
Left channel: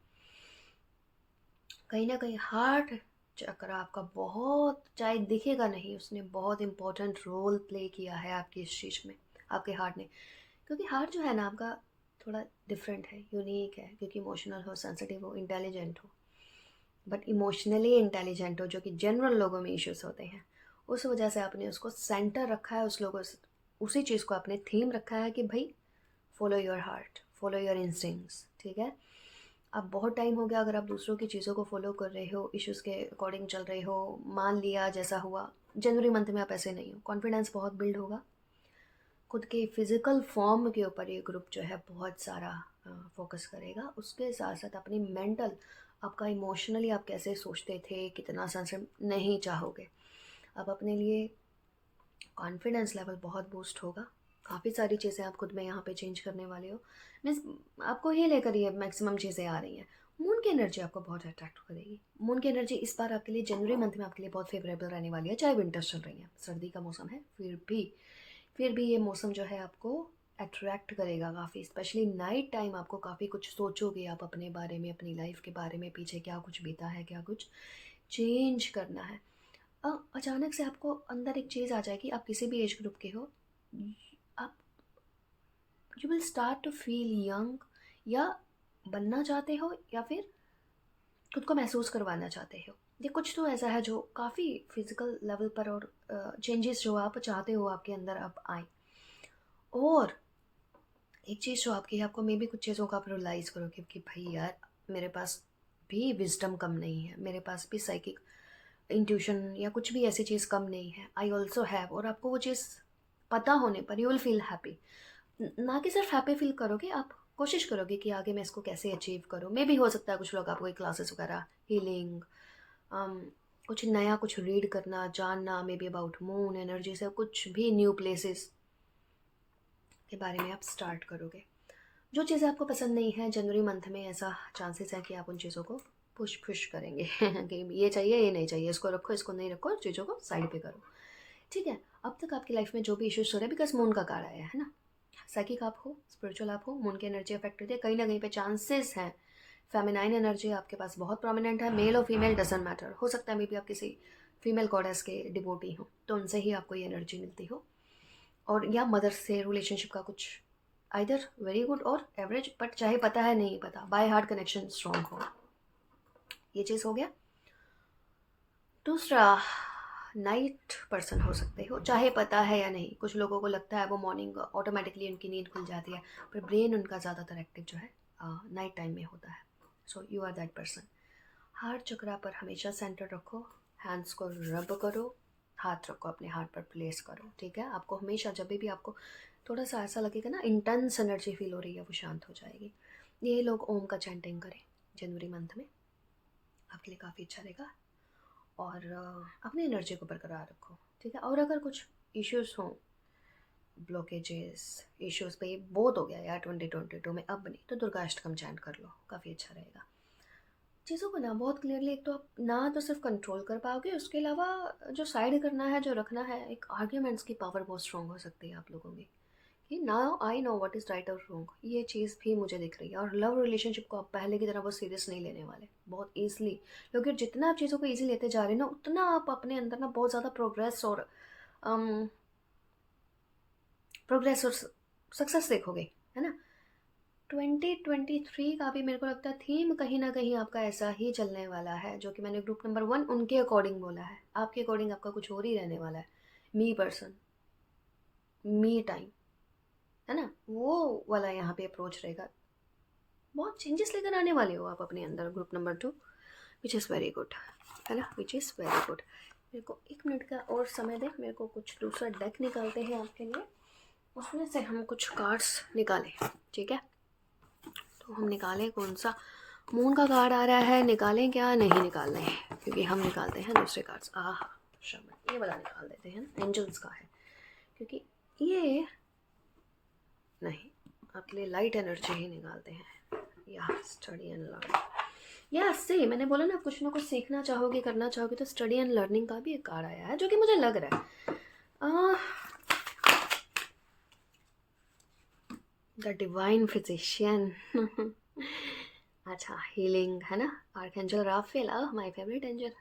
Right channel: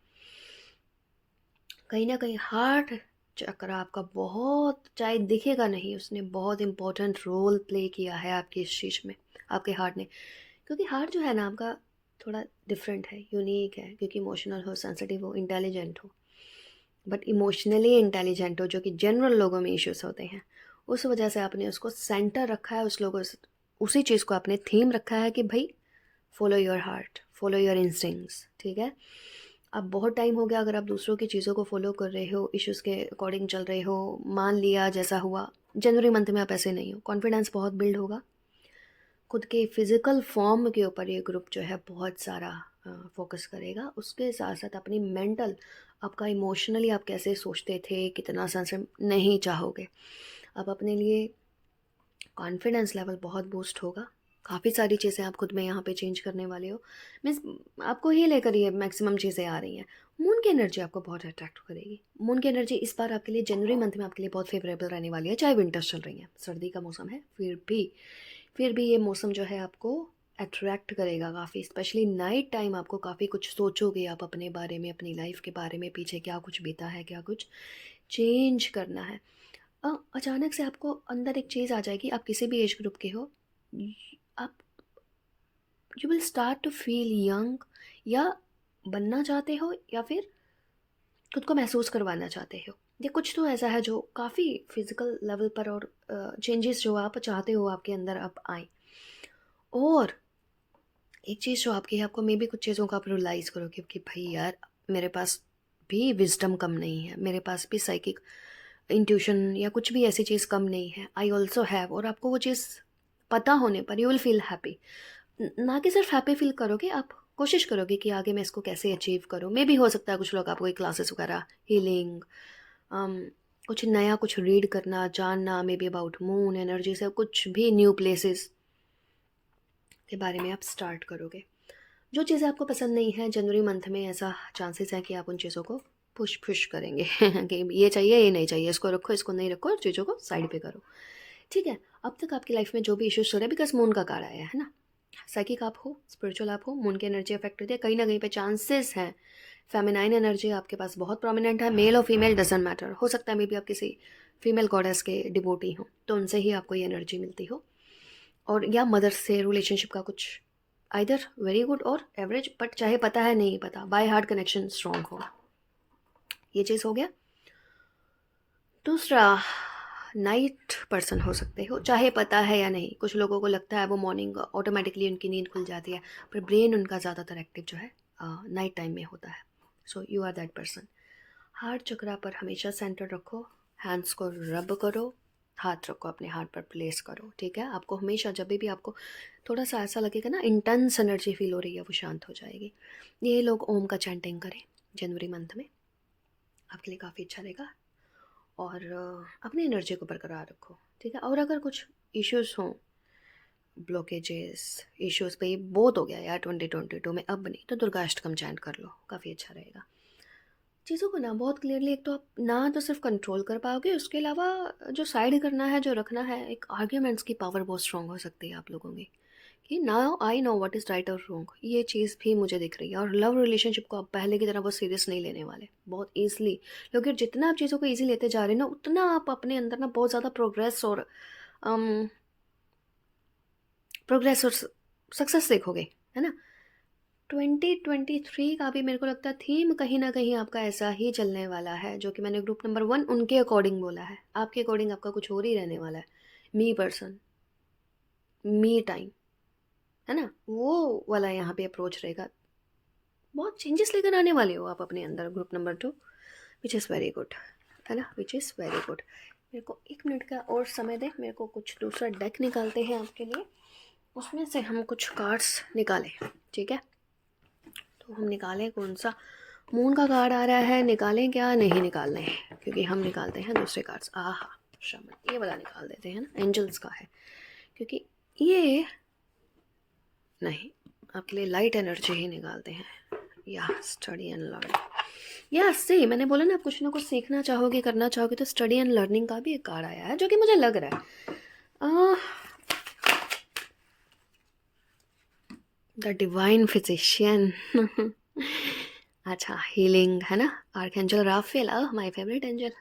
कहीं ना कहीं हार्ट चक्र आपका बहुत, चाहे दिखेगा नहीं, उसने बहुत इंपॉर्टेंट रोल प्ले किया है आपकी इस चीज़ में, आपके हार्ट ने। क्योंकि हार्ट जो है ना आपका थोड़ा डिफरेंट है, यूनिक है, क्योंकि इमोशनल हो, सेंसिटिव हो, इंटेलिजेंट हो, बट इमोशनली इंटेलिजेंट हो, जो कि जनरल लोगों में इश्यूज होते हैं। उस वजह से आपने उसको सेंटर रखा है, उस लोगों से उसी चीज़ को आपने थीम रखा है कि भाई follow your heart, follow your instincts, ठीक है। अब बहुत टाइम हो गया अगर आप दूसरों की चीज़ों को फॉलो कर रहे हो, इश्यूज़ के अकॉर्डिंग चल रहे हो, मान लिया जैसा हुआ, जनवरी मंथ में आप ऐसे नहीं हो, कॉन्फिडेंस बहुत बिल्ड होगा, खुद के फिज़िकल फॉर्म के ऊपर ये ग्रुप जो है बहुत सारा फोकस करेगा। उसके साथ साथ अपनी मेंटल, आपका इमोशनली आप कैसे सोचते थे, कितना सेंसिटिव नहीं चाहोगे, आप अपने लिए कॉन्फिडेंस लेवल बहुत बूस्ट होगा। काफ़ी सारी चीज़ें आप खुद में यहाँ पे चेंज करने वाले हो, मीन्स आपको ही लेकर ये मैक्सिमम चीज़ें आ रही हैं। मून की एनर्जी आपको बहुत अट्रैक्ट करेगी। मून की एनर्जी इस बार आपके लिए जनवरी मंथ में आपके लिए बहुत फेवरेबल रहने वाली है, चाहे विंटर्स चल रही हैं, सर्दी का मौसम है, फिर भी ये मौसम जो है आपको अट्रैक्ट करेगा काफ़ी, स्पेशली नाइट टाइम आपको काफ़ी कुछ सोचोगे आप अपने बारे में, अपनी लाइफ के बारे में, पीछे क्या कुछ बीता है, क्या कुछ चेंज करना है। अचानक से आपको अंदर एक चीज़ आ जाएगी, आप किसी भी एज ग्रुप के हो, आप you will start to feel young, या बनना चाहते हो या फिर खुद को महसूस करवाना चाहते हो। ये कुछ तो ऐसा है जो काफ़ी फिजिकल लेवल पर, और चेंजेस जो आप चाहते हो आपके अंदर अब आए। और एक चीज़ जो आपकी है, आपको मे बी कुछ चीज़ों का आप रियलाइज़ करोगे कि भाई यार, मेरे पास भी विजडम कम नहीं है, मेरे पास भी साइकिक इंट्यूशन या कुछ भी ऐसी चीज़ कम नहीं है, आई ऑल्सो हैव। और आपको वो चीज़ पता होने पर यू विल फील हैप्पी। ना कि सिर्फ हैप्पी फील करोगे, आप कोशिश करोगे कि आगे मैं इसको कैसे अचीव करूँ। मे भी हो सकता है कुछ लोग आपको कोई क्लासेस वगैरह, हीलिंग, कुछ नया कुछ रीड करना, जानना, may be about moon energy से कुछ भी न्यू प्लेसेस के बारे में आप स्टार्ट करोगे। जो चीज़ें आपको पसंद नहीं है जनवरी मंथ में, ऐसा चांसेस है कि आप उन चीज़ों को पुश करेंगे कि ये चाहिए, ये नहीं चाहिए, इसको रखो, इसको नहीं रखो, चीज़ों को साइड पे करो। ठीक है, अब तक आपकी लाइफ में जो भी इश्यूज हो रहे हैं, बिकॉज मून का कार्ड आया है ना, साइकिक आप हो, स्पिरिचुअल आप हो, मून की एनर्जी अफेक्ट होती है, कहीं ना कहीं पे चांसेस हैं फेमिनाइन एनर्जी आपके पास बहुत प्रोमिनेंट है, मेल और फीमेल डजंट मैटर, हो सकता है मे बी आप किसी फीमेल गॉडेस के डिवोटी हो तो उनसे ही आपको ये एनर्जी मिलती हो, और या मदर से रिलेशनशिप का कुछ आइदर वेरी गुड और एवरेज, बट चाहे पता है नहीं पता, बाय हार्ट कनेक्शन स्ट्रॉन्ग हो, ये चीज़ हो गया। दूसरा, नाइट पर्सन हो सकते हो, चाहे पता है या नहीं, कुछ लोगों को लगता है वो मॉर्निंग ऑटोमेटिकली उनकी नींद खुल जाती है, पर ब्रेन उनका ज़्यादातर एक्टिव जो है नाइट टाइम में होता है। So you are that person. Heart chakra पर हमेशा सेंटर रखो, हैंड्स को रब करो, हाथ रखो अपने हार्ट पर प्लेस करो, ठीक है। आपको हमेशा जब भी आपको थोड़ा सा ऐसा लगेगा ना इंटेंस एनर्जी फील हो रही है, वो शांत हो जाएगी। ये लोग ओम का चैंटिंग करें जनवरी मंथ में, आपके लिए काफ़ी अच्छा रहेगा। और अपनी एनर्जी को बरकरार रखो, ठीक है। और अगर कुछ इश्यूज हों, ब्लॉकेजेस, इश्यूज पे बहुत हो गया यार 2022 में, अब नहीं तो दुर्गा अष्टकम चैंट कर लो, काफ़ी अच्छा रहेगा। चीज़ों को ना बहुत क्लियरली, एक तो आप ना तो सिर्फ कंट्रोल कर पाओगे, उसके अलावा जो साइड करना है, जो रखना है, एक आर्ग्यूमेंट्स की पावर बहुत स्ट्रॉन्ग हो सकती है आप लोगों की, कि now I know what is right और रॉन्ग, ये चीज़ भी मुझे दिख रही है। और लव रिलेशनशिप को आप पहले की तरह बहुत सीरियस नहीं लेने वाले, बहुत ईजिली, क्योंकि जितना आप चीज़ों को ईजी लेते जा रहे हैं ना, उतना आप अपने अंदर ना बहुत ज़्यादा प्रोग्रेस और सक्सेस देखोगे, है ना। 2023 का भी मेरे को लगता है थीम कहीं ना कहीं आपका ऐसा ही चलने वाला है, जो कि मैंने ग्रुप नंबर 1 उनके अकॉर्डिंग बोला है, आपके अकॉर्डिंग आपका कुछ और ही रहने वाला है। मी पर्सन, मी टाइम, है ना, वो वाला यहाँ पे अप्रोच रहेगा। बहुत चेंजेस लेकर आने वाले हो आप अपने अंदर, group number 2, which is very good, है ना, विच इज़ वेरी गुड। मेरे को 1 मिनट का और समय दे, मेरे को कुछ दूसरा डेक निकालते हैं आपके लिए, उसमें से हम कुछ कार्ड्स निकालें, ठीक है। तो हम निकालें कौन सा, मून का कार्ड आ रहा है, निकालें क्या, नहीं निकाल लें, क्योंकि हम निकालते हैं दूसरे कार्ड्स। आहा, शमन, ये वाला निकाल देते हैं ना, एंजल्स का है, क्योंकि ये नहीं, आपके लिए लाइट एनर्जी ही निकालते हैं। या स्टडी एंड लर्न, या सही मैंने बोला ना, कुछ ना कुछ सीखना चाहोगे, करना चाहोगे, तो स्टडी एंड लर्निंग का भी एक कार्ड आया है, जो कि मुझे लग रहा है द डिवाइन फिजिशियन अच्छा, हीलिंग है ना, archangel Raphael, my favourite angel,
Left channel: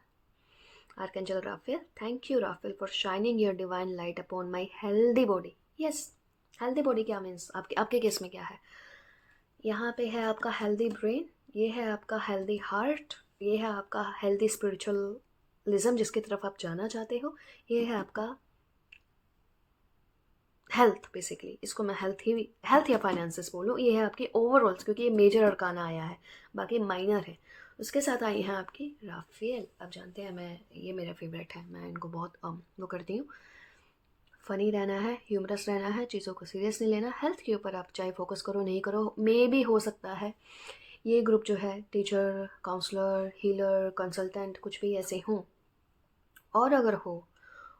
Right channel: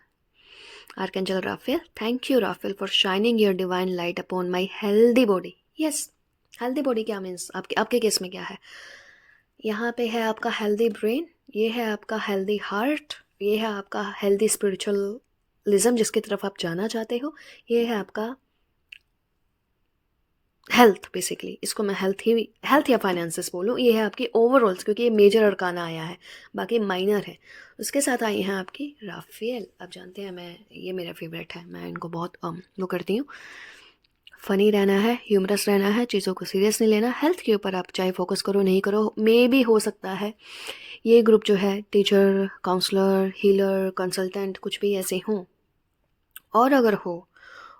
archangel Raphael. Thank you Raphael for shining your divine light upon my healthy body. Yes, healthy body क्या मीन्स, आपके आपके केस में क्या है, यहाँ पे है आपका हेल्दी ब्रेन, ये है आपका हेल्दी हार्ट, ये है आपका हेल्दी स्पिरिचुअलिज्म जिसकी तरफ आप जाना चाहते हो, ये है आपका हेल्थ, बेसिकली इसको मैं हेल्थ या फाइनेंसेस बोलूँ, ये है आपकी ओवरऑल्स, क्योंकि ये मेजर अरकाना आया है, बाकी माइनर है। उसके साथ आई हैं आपकी राफेल। आप जानते हैं ये मेरा फेवरेट है, मैं इनको बहुत वो करती हूँ। फ़नी रहना है, ह्यूमरस रहना है, चीज़ों को सीरियस नहीं लेना। हेल्थ के ऊपर आप चाहे फोकस करो नहीं करो, मे भी हो सकता है ये ग्रुप जो है टीचर, काउंसलर, हीलर, कंसल्टेंट कुछ भी ऐसे हों। और अगर हो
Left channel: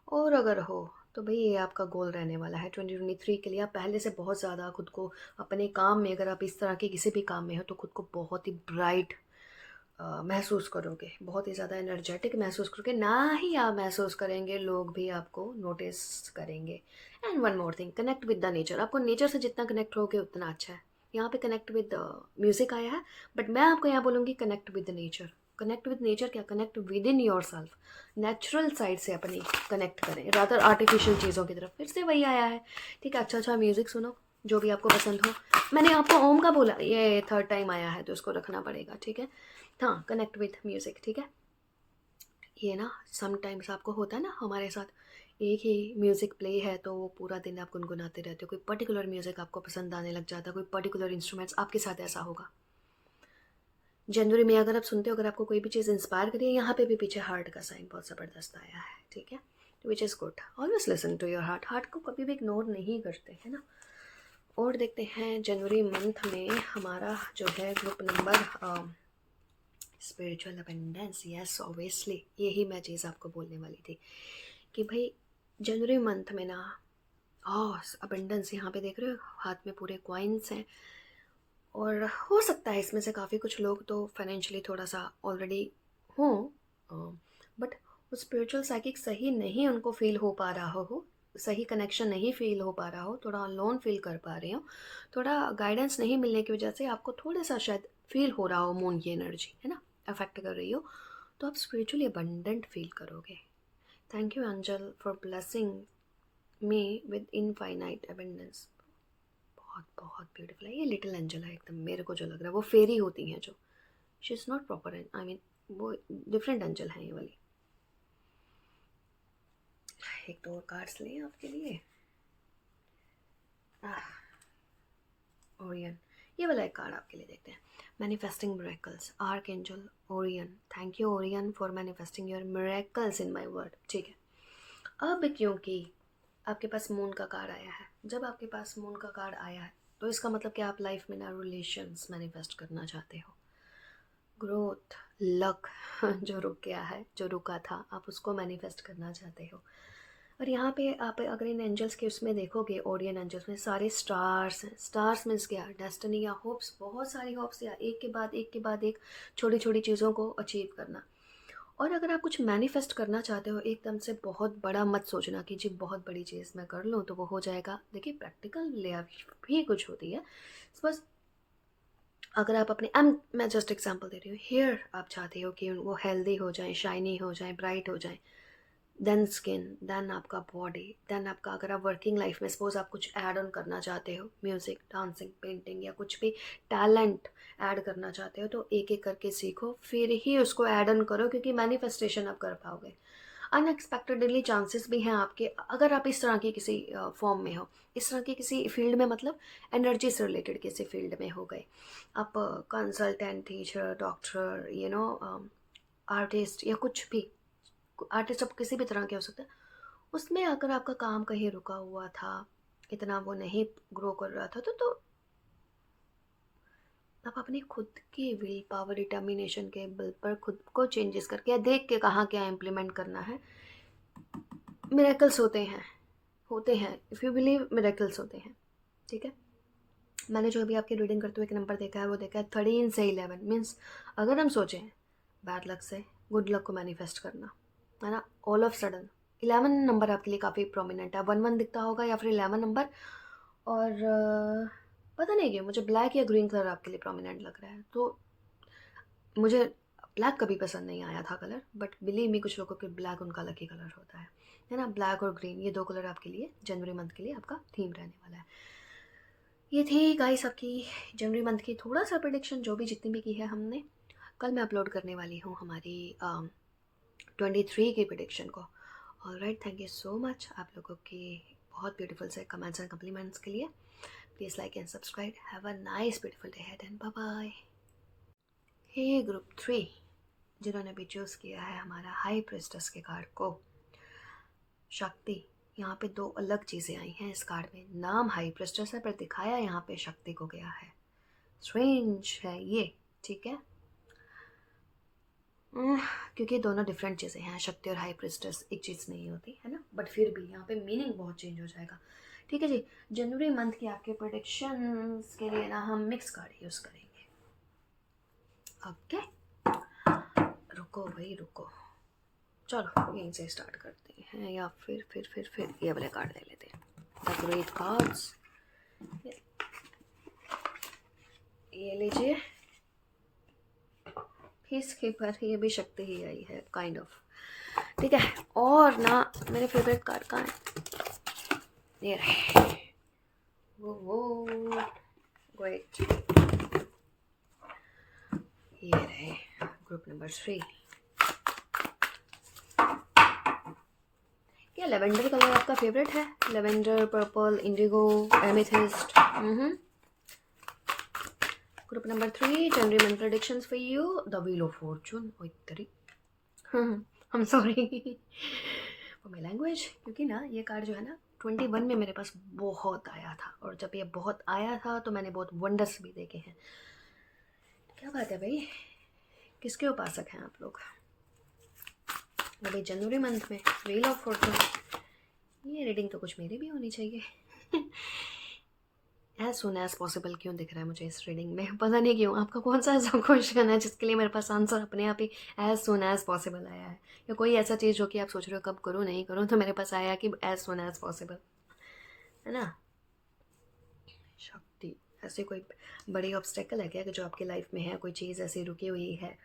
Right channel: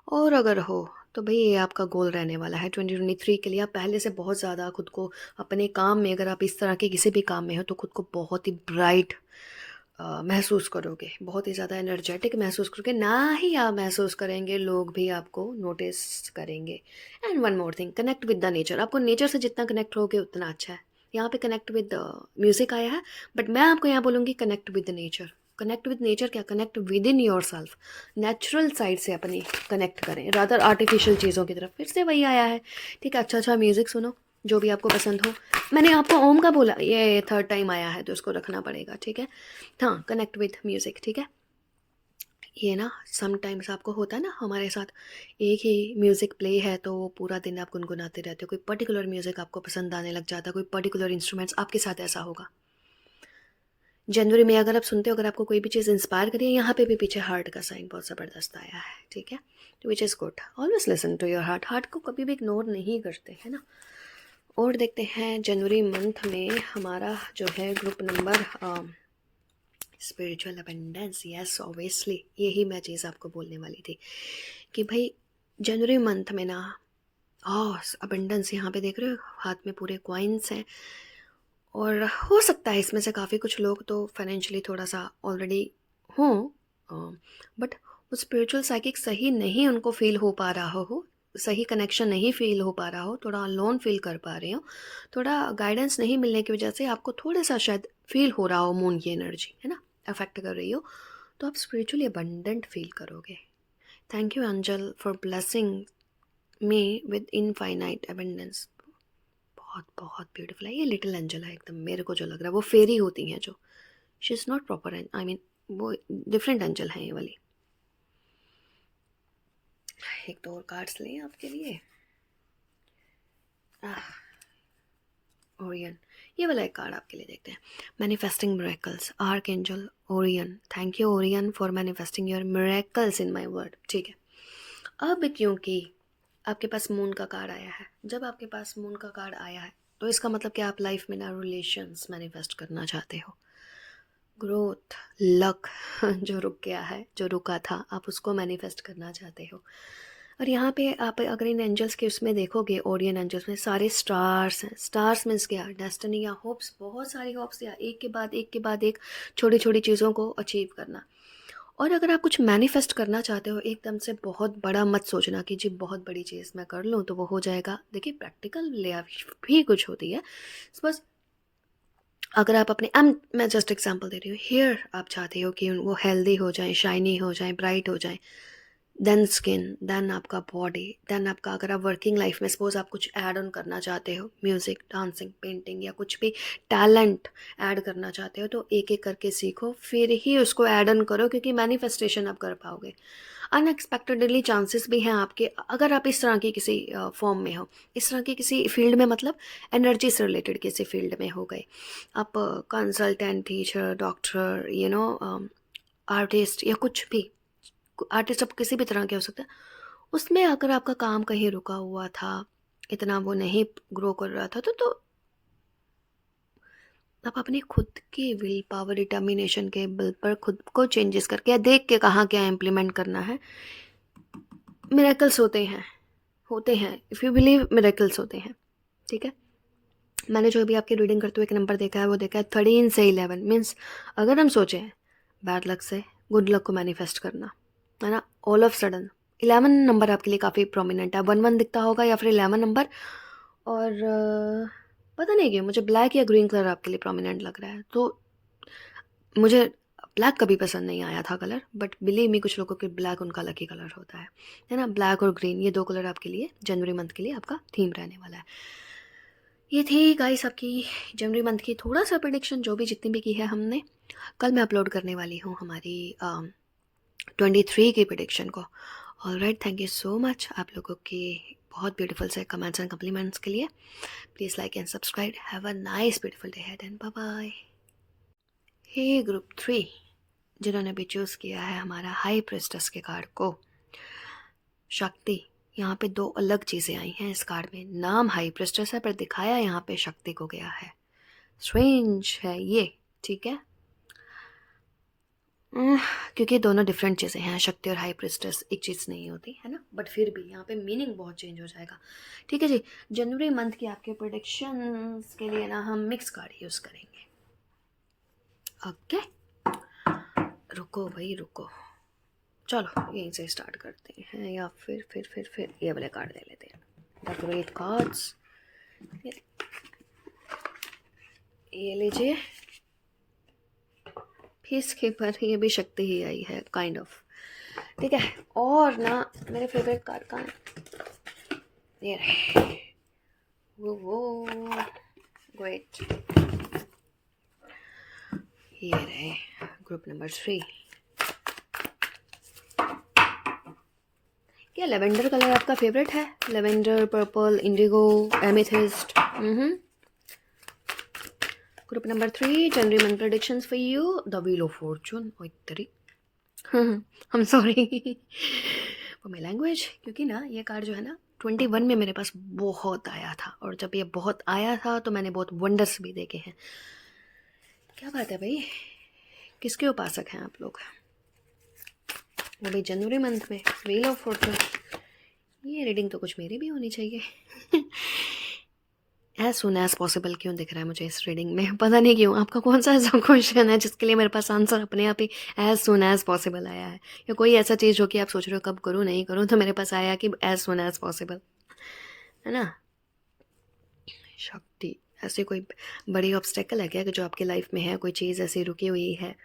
और अगर हो तो भई ये आपका गोल रहने वाला है 2023 के लिए। आप पहले से बहुत ज़्यादा खुद को अपने काम में, अगर आप इस तरह के किसी भी काम में हो तो खुद को बहुत ही ब्राइट महसूस करोगे, बहुत ही ज़्यादा एनर्जेटिक महसूस करोगे। ना ही आप महसूस करेंगे, लोग भी आपको नोटिस करेंगे। And one more thing, connect with the nature. आपको नेचर से जितना कनेक्ट होगे उतना अच्छा है। यहाँ पे कनेक्ट विद म्यूज़िक आया है, बट मैं आपको यहाँ बोलूँगी connect with the nature. Connect with nature क्या, connect within yourself, natural side से अपनी कनेक्ट करें, रादर आर्टिफिशियल चीज़ों की तरफ। फिर से वही आया है, ठीक है। अच्छा अच्छा म्यूज़िक सुनो जो भी आपको पसंद हो। मैंने आपको ओम का बोला, ये थर्ड टाइम आया है तो इसको रखना पड़ेगा, ठीक है। हाँ, कनेक्ट विथ म्यूज़िक, ठीक है। ये ना समटाइम्स आपको होता है ना, हमारे साथ एक ही म्यूज़िक प्ले है तो वो पूरा दिन आप गुनगुनाते रहते हो। कोई पर्टिकुलर म्यूज़िक आपको पसंद आने लग जाता है, कोई पर्टिकुलर इंस्ट्रूमेंट्स, आपके साथ ऐसा होगा। जनवरी में अगर आप सुनते हो, अगर आपको कोई भी चीज़ इंस्पायर करिए, यहाँ पे भी पीछे हार्ट का साइन बहुत ज़बरदस्त आया है, ठीक है। तो which is good, always listen to your heart. Heart को कभी भी इग्नोर नहीं करते, है ना। और देखते हैं जनवरी मंथ में हमारा जो है group number spiritual abundance. Yes obviously यही मैं चीज़ आपको बोलने वाली थी कि भाई जनवरी मंथ में ना अबंडेंस, यहाँ पे देख रहे हो हाथ में पूरे कॉइन्स हैं। और हो सकता है इसमें से काफ़ी कुछ लोग तो फाइनेंशियली थोड़ा सा ऑलरेडी हों, बट वो स्पिरिचुअल साइकिक सही नहीं उनको फील हो पा रहा हो, सही कनेक्शन नहीं फील हो पा रहा हो, थोड़ा अलोन फील कर पा रहे हो, थोड़ा गाइडेंस नहीं मिलने की वजह से आपको थोड़ा सा शायद फील हो रहा हो, मून की एनर्जी है ना अफेक्ट कर रही हो, तो आप स्पिरिचुअली अबंडेंट फील करोगे। Thank you angel for blessing me with infinite abundance. बहुत बहुत ब्यूटीफुल है ये लिटिल एंजल है एकदम, मेरे को जो लग रहा है वो फेरी होती हैं जो, she is not proper, I mean वो डिफरेंट एंजल है ये वाली। एक दो और कार्ड्स लें आपके लिए। ओरियन, ये वाला एक कार्ड आपके लिए देखते हैं। Manifesting miracles, arc angel Orion. Thank you Orion for manifesting your miracles in my word, ठीक है। अब क्योंकि आपके पास मून का कार्ड आया है, जब आपके पास मून का कार्ड आया है तो इसका मतलब कि आप लाइफ में ना रिलेशंस मैनिफेस्ट करना चाहते हो, ग्रोथ, लक जो रुक गया है, जो रुका था, आप उसको मैनिफेस्ट करना चाहते हो। और यहाँ पे आप अगर इन एंजल्स के उसमें देखोगे, ओरियन एंजल्स में सारे स्टार्स हैं। स्टार्स मीन्स क्या, डेस्टिनी या होप्स, बहुत सारी होप्स, या एक के बाद एक के बाद एक छोटी छोटी चीज़ों को अचीव करना। और अगर आप कुछ मैनिफेस्ट करना चाहते हो एकदम से बहुत बड़ा मत सोचना कि जी बहुत बड़ी चीज़ मैं कर लूँ तो वो हो जाएगा। देखिए प्रैक्टिकल लाइफ भी कुछ होती है, बस अगर आप अपने मैं जस्ट एग्जांपल दे रही हूँ, हेयर आप चाहते हो कि वो हेल्दी हो जाए, शाइनी हो जाए, ब्राइट हो जाए, देन स्किन, देन आपका बॉडी, देन आपका, अगर आप वर्किंग लाइफ में सपोज आप कुछ ऐड ऑन करना चाहते हो, म्यूज़िक, डांसिंग, पेंटिंग या कुछ भी टैलेंट ऐड करना चाहते हो, तो एक एक करके सीखो, फिर ही उसको ऐड ऑन करो, क्योंकि मैनिफेस्टेशन आप कर पाओगे। अनएक्सपेक्टेडली चांसेस भी हैं आपके, अगर आप इस तरह की किसी फॉर्म में हो, इस तरह की किसी फील्ड में, मतलब एनर्जी से रिलेटेड किसी फील्ड में हो गए आप, कंसल्टेंट, टीचर, डॉक्टर, आर्टिस्ट या कुछ भी, आर्टिस्ट आप किसी भी तरह के हो सकता है, उसमें अगर आपका काम कहीं रुका हुआ था, इतना वो नहीं ग्रो कर रहा था, तो आप अपनी खुद की विल पावर, डिटर्मिनेशन के बल पर खुद को चेंजेस करके या देख के कहाँ क्या इम्प्लीमेंट करना है, मिरेकल्स होते हैं इफ़ यू बिलीव, मिरेकल्स होते हैं, ठीक है। मैंने जो भी आपकी रीडिंग करते हुए एक नंबर देखा है वो देखा है 13 से 11, मीन्स अगर हम सोचें बैड लक से गुड लक को मैनिफेस्ट करना, है ना, ऑल ऑफ सडन 11 नंबर आपके लिए काफ़ी प्रोमिनेंट है। 1 1 दिखता होगा या फिर 11 नंबर, और पता नहीं क्यों मुझे ब्लैक या ग्रीन कलर आपके लिए प्रोमिनेंट लग रहा है। तो मुझे ब्लैक कभी पसंद नहीं आया था कलर, बट बिलीव मी कुछ लोगों के ब्लैक उनका लकी कलर होता है ना। ब्लैक और ग्रीन, ये दो कलर आपके लिए जनवरी मंथ के लिए आपका थीम रहने वाला है। ये थी गाइस आपकी जनवरी मंथ की थोड़ा सा प्रिडिक्शन, जो भी जितनी भी की है हमने। कल मैं अपलोड करने वाली हूँ हमारी 23 की प्रिडिक्शन को। Alright, thank you so much आप लोगों की बहुत ब्यूटीफुल से कमेंट्स एंड कम्प्लीमेंट्स के लिए। Please like and subscribe. Have a nice beautiful day ahead and bye bye. Hey group 3 जिन्होंने भी चूज़ किया है हमारा हाई प्रिस्टेस के कार्ड को, शक्ति, यहाँ पे दो अलग चीज़ें आई हैं इस कार्ड में। नाम हाई प्रिस्टेस है पर दिखाया यहाँ पे शक्ति को गया है। स्ट्रेंज है ये, ठीक है, क्योंकि दोनों डिफरेंट चीज़ें हैं। शक्ति और हाई प्रिस्टेस एक चीज़ नहीं होती है ना, बट फिर भी यहाँ पे मीनिंग बहुत चेंज हो जाएगा। ठीक है जी, जनवरी मंथ की आपके प्रोडिक्शंस के लिए ना हम मिक्स कार्ड यूज़ करेंगे। ओके, रुको भाई रुको, चलो यहीं से स्टार्ट करते हैं, या फिर ये वाले कार्ड ले लेते हैं, द ग्रेट कार्ड्स। ये लीजिए, पीस कीपर, ये भी शक्ति ही आई है काइंड ऑफ, ठीक है। और ना मेरे फेवरेट कार्ड कहाँ है, ये रहे, वो ग्रेट, ये रहे ग्रुप नंबर 3। क्या लेवेंडर कलर आपका फेवरेट है? Lavender, purple, Indigo, amethyst. Group number 3, January month predictions for you, the wheel of Fortune. ओए तेरी, I am sorry for my language, क्योंकि ना ये कार्ड जो है ना 21 में मेरे पास बहुत आया था, और जब ये बहुत आया था तो मैंने बहुत वंडर्स भी देखे हैं। क्या बात है भाई, किसके उपासक हैं आप लोग? अभी जनवरी मंथ में व्हील ऑफ फॉर्चून, ये रीडिंग तो कुछ मेरी भी होनी चाहिए। एज सुन एज पॉसिबल क्यों दिख रहा है मुझे इस रीडिंग में, पता नहीं क्यों। आपका कौन सा ऐसा क्वेश्चन है जिसके लिए मेरे पास आंसर अपने आप ही एज सुन एज पॉसिबल आया है, या कोई ऐसा चीज़ हो कि आप सोच रहे हो कब करूँ नहीं करूँ, तो मेरे पास आया कि एज सुन एज पॉसिबल, है ना। शक्ति, ऐसी कोई बड़ी ऑब्स्टेकल है क्या कि जो आपकी लाइफ में है, कोई चीज़ ऐसी रुकी हुई है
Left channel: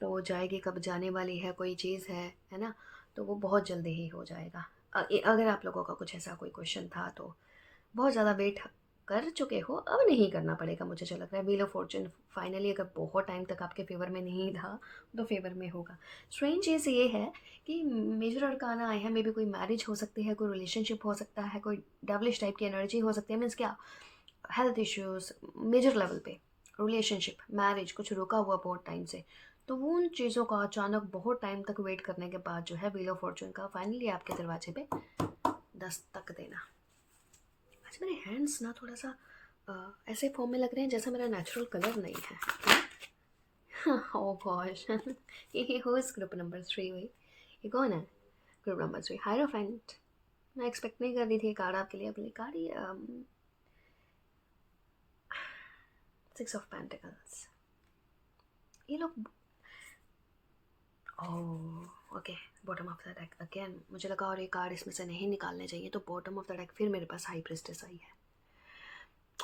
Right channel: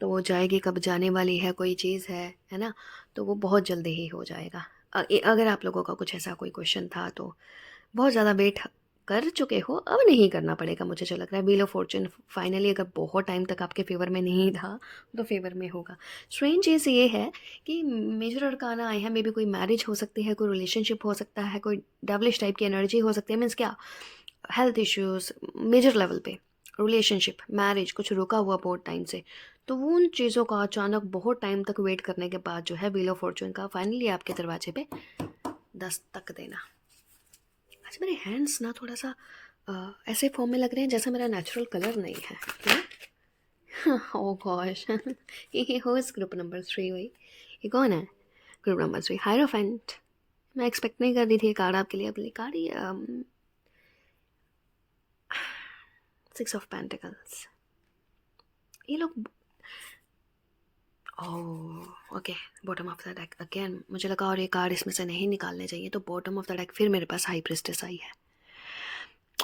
तो वो जाएगी, कब जाने वाली है कोई चीज़ है ना, तो वो बहुत जल्दी ही हो जाएगा। अगर आप लोगों का कुछ ऐसा कोई क्वेश्चन था तो बहुत ज़्यादा वेट कर चुके हो, अब नहीं करना पड़ेगा मुझे जो लग रहा है। व्हील ऑफ फॉर्चून फाइनली अगर बहुत टाइम तक आपके फेवर में नहीं था तो फेवर में होगा। स्ट्रेंज चीज़ ये है कि मेजर अरकाना आए हैं, मे बी कोई मैरिज हो सकती है, कोई रिलेशनशिप हो सकता है, कोई डेवलिश टाइप की एनर्जी हो सकती है। मीन्स क्या, हेल्थ इश्यूज़ मेजर लेवल पे, रिलेशनशिप, मैरिज कुछ रुका हुआ बहुत टाइम से, तो वो उन चीज़ों का अचानक बहुत टाइम तक वेट करने के बाद जो है व्हील ऑफ फॉर्चून का फाइनली आपके दरवाजे पे दस्तक देना। आज मेरे हैंड्स ना थोड़ा सा ऐसे फॉर्म में लग रहे हैं जैसे मेरा नेचुरल कलर नहीं है क्या? ओह गॉश, ये हो इस ग्रुप नंबर 3 भाई, ये कौन है ग्रुप नंबर 3? हायरोफेंट। मैं एक्सपेक्ट नहीं कर रही थी कार्ड आपके लिए, अपनी कार्ड ही 6 ऑफ पेंटिकल्स। ये लोग, oh okay, bottom of the deck again. मुझे लगा और ये कार्ड इसमें से नहीं निकालने चाहिए, तो बॉटम ऑफ द डेक फिर मेरे पास हाई प्रिस्टेस आई है।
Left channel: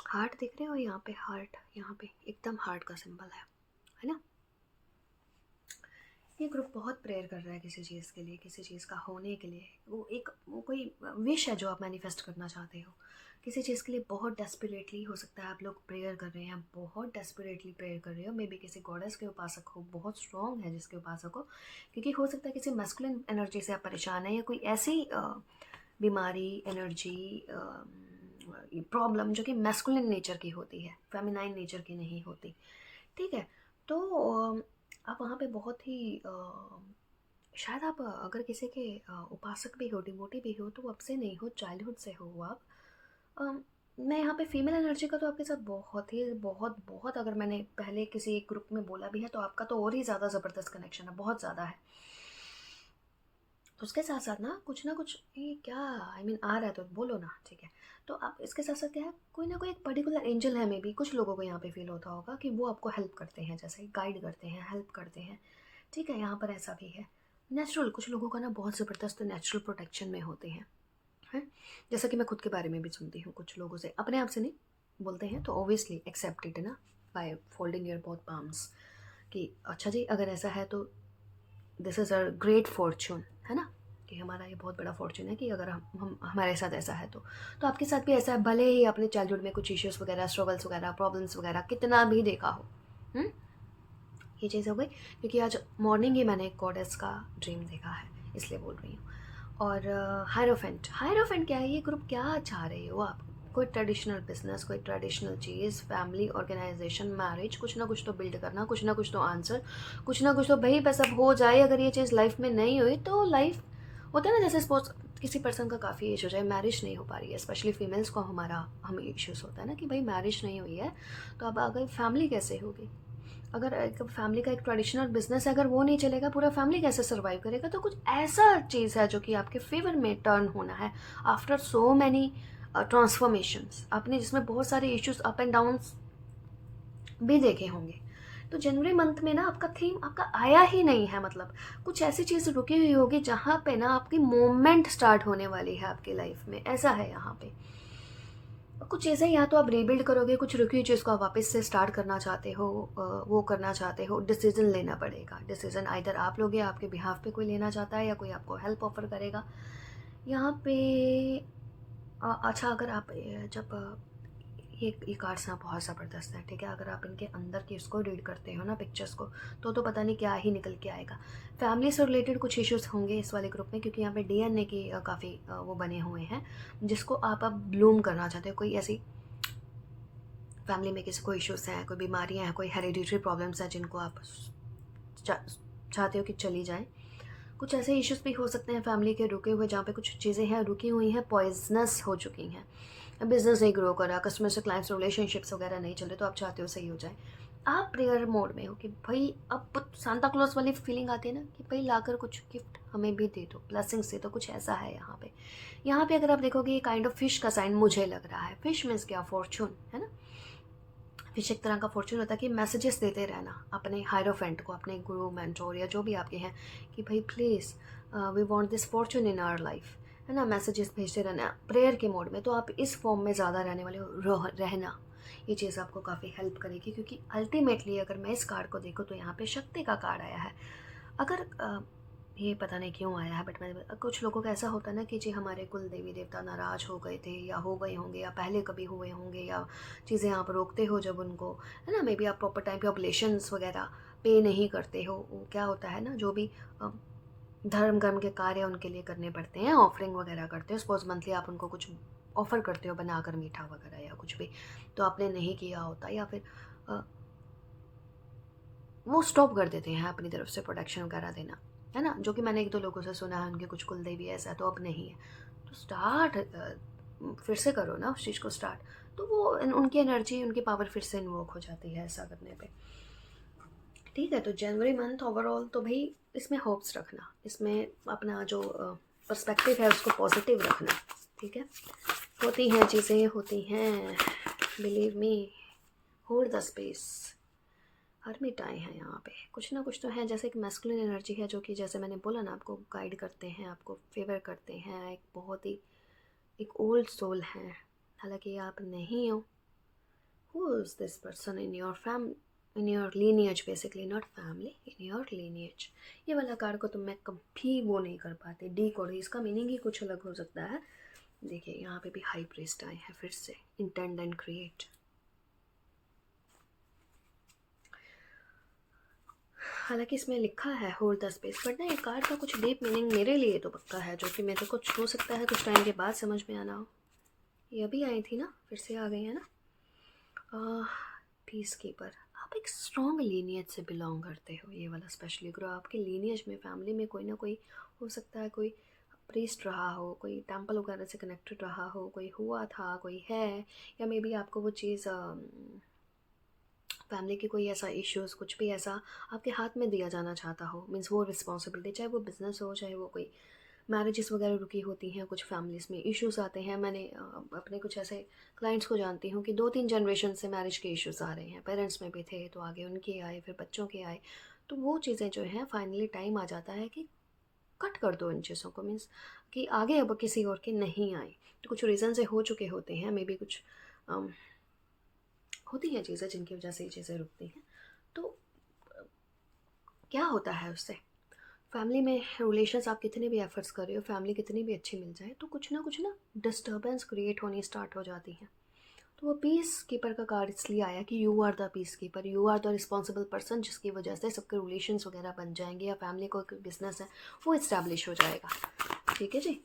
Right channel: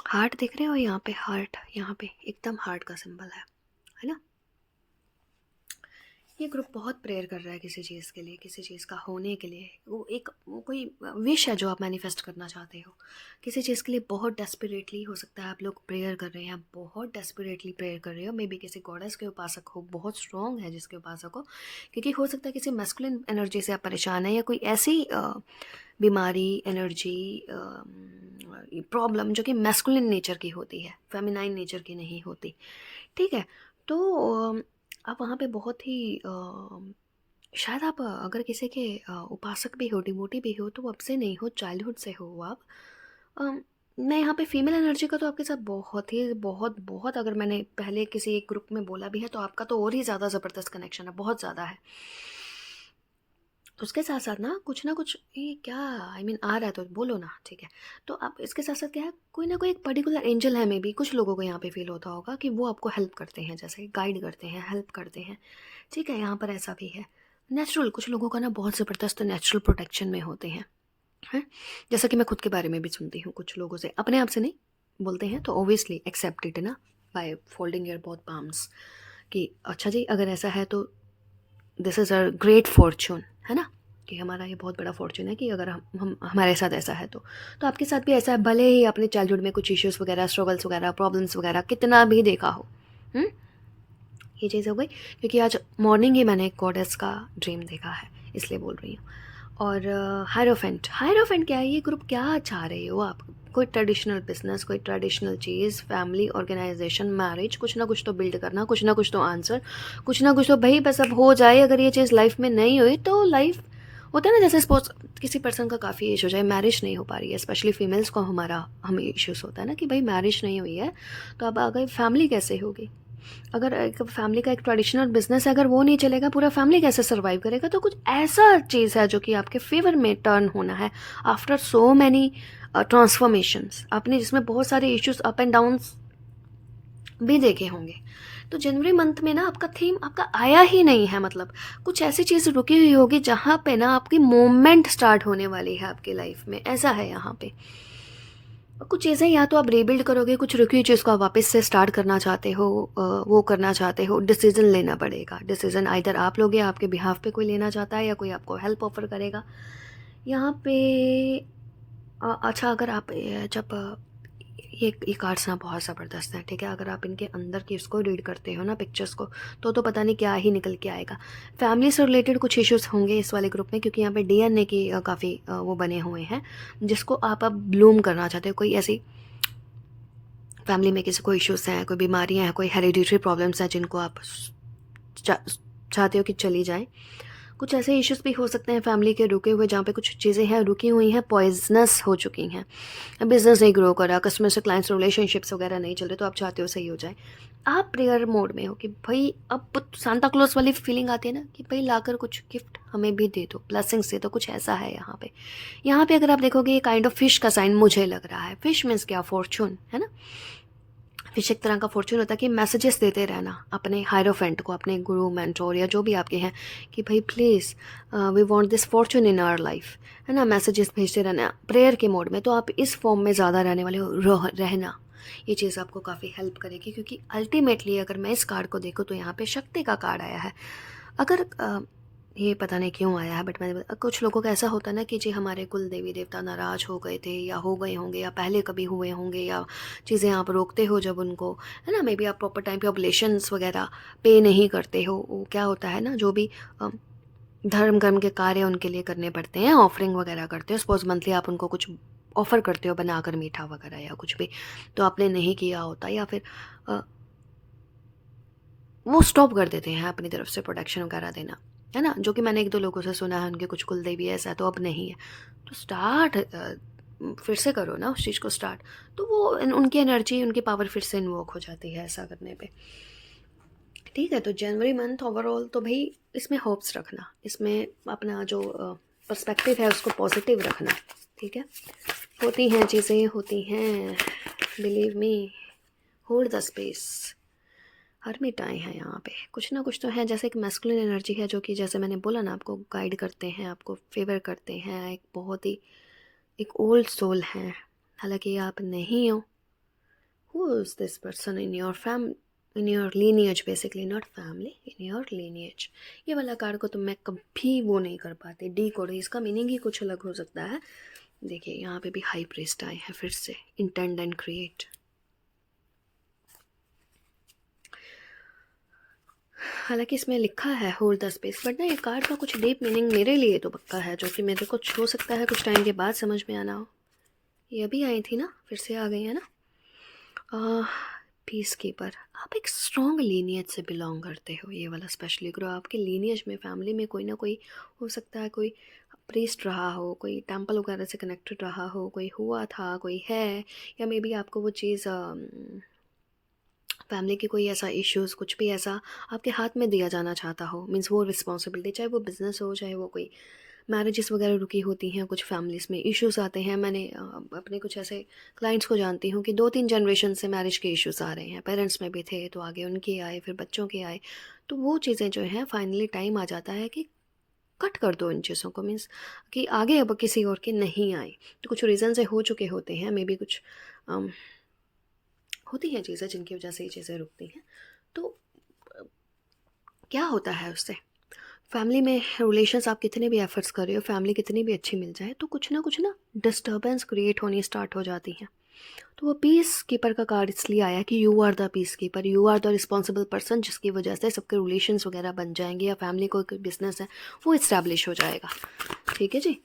हार्ट देख रहे हो यहाँ पे, हार्ट यहाँ पे एकदम हार्ट का सिंबल है ना। ये ग्रुप बहुत प्रेयर कर रहा है किसी चीज़ के लिए, किसी चीज़ का होने के लिए। वो कोई विश है जो आप मैनिफेस्ट करना चाहते हो, किसी चीज़ के लिए बहुत डेस्परेटली हो सकता है आप लोग प्रेयर कर रहे हैं, बहुत डेस्परेटली प्रेयर कर रहे हो। मे बी किसी गॉडेस के उपासक हो, बहुत स्ट्रॉन्ग है जिसके उपासक हो, क्योंकि हो सकता है किसी मैस्कुलिन एनर्जी से आप परेशान हैं, या कोई ऐसी बीमारी, एनर्जी, प्रॉब्लम जो कि मैस्कुलिन नेचर की होती है, फेमिनाइन नेचर की नहीं होती। ठीक है, तो आप वहाँ पे बहुत ही शायद आप अगर किसी के उपासक भी हो, डिवोटी भी हो, तो अब से नहीं हो, चाइल्डहुड से हो आप। मैं यहाँ पे फीमेल एनर्जी का तो आपके साथ बहुत ही बहुत बहुत, अगर मैंने पहले किसी एक ग्रुप में बोला भी है तो आपका तो और ही ज़्यादा ज़बरदस्त कनेक्शन है, बहुत ज़्यादा है। उसके साथ साथ ना कुछ ये क्या, आई मीन आ रहा है तो बोलो ना, ठीक है। तो आप इसके साथ साथ क्या है, कोई ना कोई एक पर्टिकुलर एंजल है, मे बी कुछ लोगों को यहाँ पे फील होता होगा कि वो आपको हेल्प करते हैं, जैसे गाइड करते हैं, हेल्प करते हैं। ठीक है, यहाँ पर ऐसा भी है। नेचुरल, कुछ लोगों का ना बहुत ज़बरदस्त नेचुरल प्रोटेक्शन में होते हैं, जैसा कि मैं खुद के बारे में भी सुनती हूँ कुछ लोगों से, अपने आप से नहीं बोलते हैं, तो ओबियसली एक्सेप्ट इट ना by folding your both palms, कि अच्छा जी अगर ऐसा है तो this is a great Fortune, है ना, कि हमारा ये बहुत बड़ा फॉर्चून है कि अगर हम हमारे साथ ऐसा है तो आपके साथ भी ऐसा है, भले ही आपने चाइल्डहुड में कुछ इश्यूज़ वगैरह, स्ट्रगल्स वगैरह, प्रॉब्लम्स वगैरह कितना भी देखा हो। ये चीज़ हो गई, क्योंकि आज मॉर्निंग ही मैंने एक गॉडेस का ड्रीम देखा है, इसलिए बोल रही हूँ। और हायरोफेंट, हायरोफेंट क्या है? ये ग्रुप क्या चाह रहे हो आप? कोई ट्रेडिशनल बिजनेस, कोई ट्रेडिशनल चीज़, फैमिली, ऑर्गेनाइजेशन, मैरिज, कुछ ना कुछ तो बिल्ड करना, कुछ ना कुछ तो आंसर, कुछ ना कुछ तो भाई बस अब हो जाए। अगर ये चीज़ लाइफ में नहीं हुई तो लाइफ, होता है ना, जैसे सपोज किसी पर्सन का काफ़ी एज हो जाए, मैरिज नहीं हो पा रही है, स्पेशली फीमेल्स को हमें इश्यूज होता है ना कि भाई मैरिज नहीं हुई है, तो अब आगे फैमिली कैसे होगी? अगर एक फैमिली का एक ट्रेडिशनल बिजनेस है, अगर वो नहीं चलेगा, पूरा फैमिली कैसे सर्वाइव करेगा? तो कुछ ऐसा चीज़ है जो कि आपके फेवर में टर्न होना है आफ्टर सो मैनी ट्रांसफॉर्मेशंस, आपने जिसमें बहुत सारे इश्यूज अप एंड डाउन्स भी देखे होंगे। तो जनवरी मंथ में ना आपका थीम आपका आया ही नहीं है, मतलब कुछ ऐसी चीज़ रुकी हुई होगी जहाँ पे ना आपकी मूवमेंट स्टार्ट होने वाली है आपकी लाइफ में, ऐसा है यहाँ पे। कुछ चीज़ें या तो आप रीबिल्ड करोगे, कुछ रुकी हुई चीज़ को आप वापस से स्टार्ट करना चाहते हो, वो करना चाहते हो, डिसीजन लेना पड़ेगा। डिसीजन आइदर आप लोगे, आपके बिहाफ पे कोई लेना चाहता है, या कोई आपको हेल्प ऑफर करेगा यहाँ पे। अच्छा, अगर आप जब ये कार्ड्स ना बहुत ज़बरदस्त हैं, ठीक है? अगर आप इनके अंदर की उसको रीड करते हो ना, पिक्चर्स को, तो पता नहीं क्या ही निकल के आएगा। फैमिली से रिलेटेड कुछ इश्यूज होंगे इस वाले ग्रुप में, क्योंकि यहाँ पे डीएनए की काफ़ी वो बने हुए हैं, जिसको आप अब ब्लूम करना चाहते हो। कोई ऐसी फैमिली में किसी को इश्यूज हैं, कोई बीमारियाँ हैं, कोई हेरिडिटरी प्रॉब्लम्स हैं जिनको आप चाहते हो कि चली जाएँ। कुछ ऐसे इश्यूज भी हो सकते हैं फैमिली के रुके हुए, जहाँ पे कुछ चीज़ें हैं रुकी हुई हैं, पॉइजनस हो चुकी हैं, बिजनेस नहीं ग्रो करा, कस्टमर से क्लाइंट्स रिलेशनशिप्स वगैरह नहीं चल रहे, तो आप चाहते हो सही हो जाए। आप प्रेयर मोड में हो कि भाई अब सांता क्लॉज वाली फीलिंग आती है ना कि भाई लाकर कुछ गिफ्ट हमें भी दे दो, ब्लेसिंग्स दे दो, कुछ ऐसा है यहाँ पे। यहाँ पे अगर आप देखोगे ये काइंड ऑफ फिश का साइन मुझे लग रहा है। फिश मीन्स क्या? फॉर्चून, है ना? फिश एक तरह का फॉर्चून होता है कि मैसेजेस देते रहना अपने हायरोफेंट को, अपने गुरु, मेंटोर या जो भी आपके हैं, कि भाई please we want this fortune in our life, है ना? मैसेजेस भेजते रहना प्रेयर के मोड में। तो आप इस फॉर्म में ज़्यादा रहने वाले हो, रहना, ये चीज़ आपको काफ़ी हेल्प करेगी, क्योंकि अल्टीमेटली अगर मैं इस कार्ड को देखूँ तो यहाँ पे शक्ति का कार्ड आया है। अगर ये पता नहीं क्यों आया है, बट मैंने कुछ लोगों का ऐसा होता है ना कि जी हमारे कुल देवी देवता नाराज़ हो गए थे, या हो गए होंगे, या पहले कभी हुए होंगे, या चीज़ें आप रोकते हो जब उनको, है ना? मे बी आप प्रॉपर टाइम पे ऑब्लेशंस वगैरह पे नहीं करते हो। वो क्या होता है ना, जो भी धर्म कर्म के कार्य उनके लिए करने पड़ते हैं, ऑफरिंग वगैरह करते हो, सपोज मंथली आप उनको कुछ ऑफर करते हो बनाकर मीठा वगैरह या कुछ भी, तो आपने नहीं किया होता, या फिर अ, वो स्टॉप कर देते हैं अपनी तरफ से प्रोटेक्शन वगैरह देना, है ना? जो कि मैंने एक दो लोगों से सुना है, उनके कुछ कुल देवी ऐसा तो अब नहीं है। तो स्टार्ट फिर से करो ना उस चीज़ को स्टार्ट, तो वो उनकी एनर्जी, उनकी पावर फिर से इन्वोक हो जाती है ऐसा करने पे। ठीक है, तो जनवरी मंथ ओवरऑल तो भाई इसमें होप्स रखना, इसमें अपना जो पर्सपेक्टिव है उसको पॉजिटिव रखना, ठीक है? होती हैं चीज़ें, होती हैं, believe me, hold the space. Hermit आए हैं यहाँ पे, कुछ ना कुछ तो है, जैसे एक मैस्कुलिन एनर्जी है जो कि जैसे मैंने बोला ना, आपको गाइड करते हैं, आपको फेवर करते हैं, एक बहुत ही एक ओल्ड सोल है, हालांकि आप नहीं हो। Who is this person in your in your lineage, basically not family, in your lineage. ये वाला कार्ड को तो मैं कभी वो नहीं कर पाती, डी कोड, इसका मीनिंग ही कुछ अलग हो सकता है। देखिए यहाँ पे भी हाई प्रीस्ट आए हैं फिर से, इंटेंड एंड क्रिएट। हालांकि इसमें लिखा है होल्ड द स्पेस, बट ना ये कार्ड का कुछ डीप मीनिंग मेरे लिए तो पक्का है, जो कि मेरे को हो सकता है कुछ टाइम के बाद समझ में आना हो। ये अभी आई थी ना, फिर से आ गई है ना। पीस कीपर, आप एक स्ट्रॉन्ग लीनियज से बिलोंग करते हो, ये वाला स्पेशली ग्रो आपके लीनियज में, फैमिली में कोई ना कोई हो सकता है, कोई प्रीस्ट रहा हो, कोई टेम्पल वगैरह से कनेक्टेड रहा हो, कोई हुआ था, कोई है, या मे बी आपको वो चीज़ फैमिली की कोई ऐसा इश्यूज़, कुछ भी ऐसा आपके हाथ में दिया जाना चाहता हो, मीन्स वो रिस्पॉन्सिबिलिटी, चाहे वो बिज़नेस हो, चाहे वो कोई मैरिजेस वगैरह रुकी होती हैं, कुछ फैमिलीज़ में इश्यूज़ आते हैं। मैंने अपने कुछ ऐसे क्लाइंट्स को जानती हूँ कि 2-3 जनरेशन से मैरिज के इश्यूज़ आ रहे हैं, पेरेंट्स में भी थे तो आगे उनके आए, फिर बच्चों के आए, तो वो चीज़ें जो हैं फाइनली टाइम आ जाता है कि कट कर दो इन चीज़ों को, मीन्स कि आगे अब किसी और के नहीं आए। तो कुछ रीज़न से हो चुके होते हैं, मे बी कुछ होती हैं चीज़ें जिनकी वजह से ये चीज़ें रुकती हैं। तो क्या होता है उससे, फैमिली में रिलेशंस आप कितने भी एफर्ट्स कर रहे हो, फैमिली कितनी भी अच्छी मिल जाए, तो कुछ ना डिस्टर्बेंस क्रिएट होनी स्टार्ट हो जाती हैं। तो वो पीस कीपर का कार्ड इसलिए आया कि you are the peace keeper, you are the responsible person, जिसकी वजह से सबके रिलेशंस वगैरह बन जाएंगे, या फैमिली को कोई बिजनेस है वो इस्टेब्लिश हो जाएगा। ठीक है जी।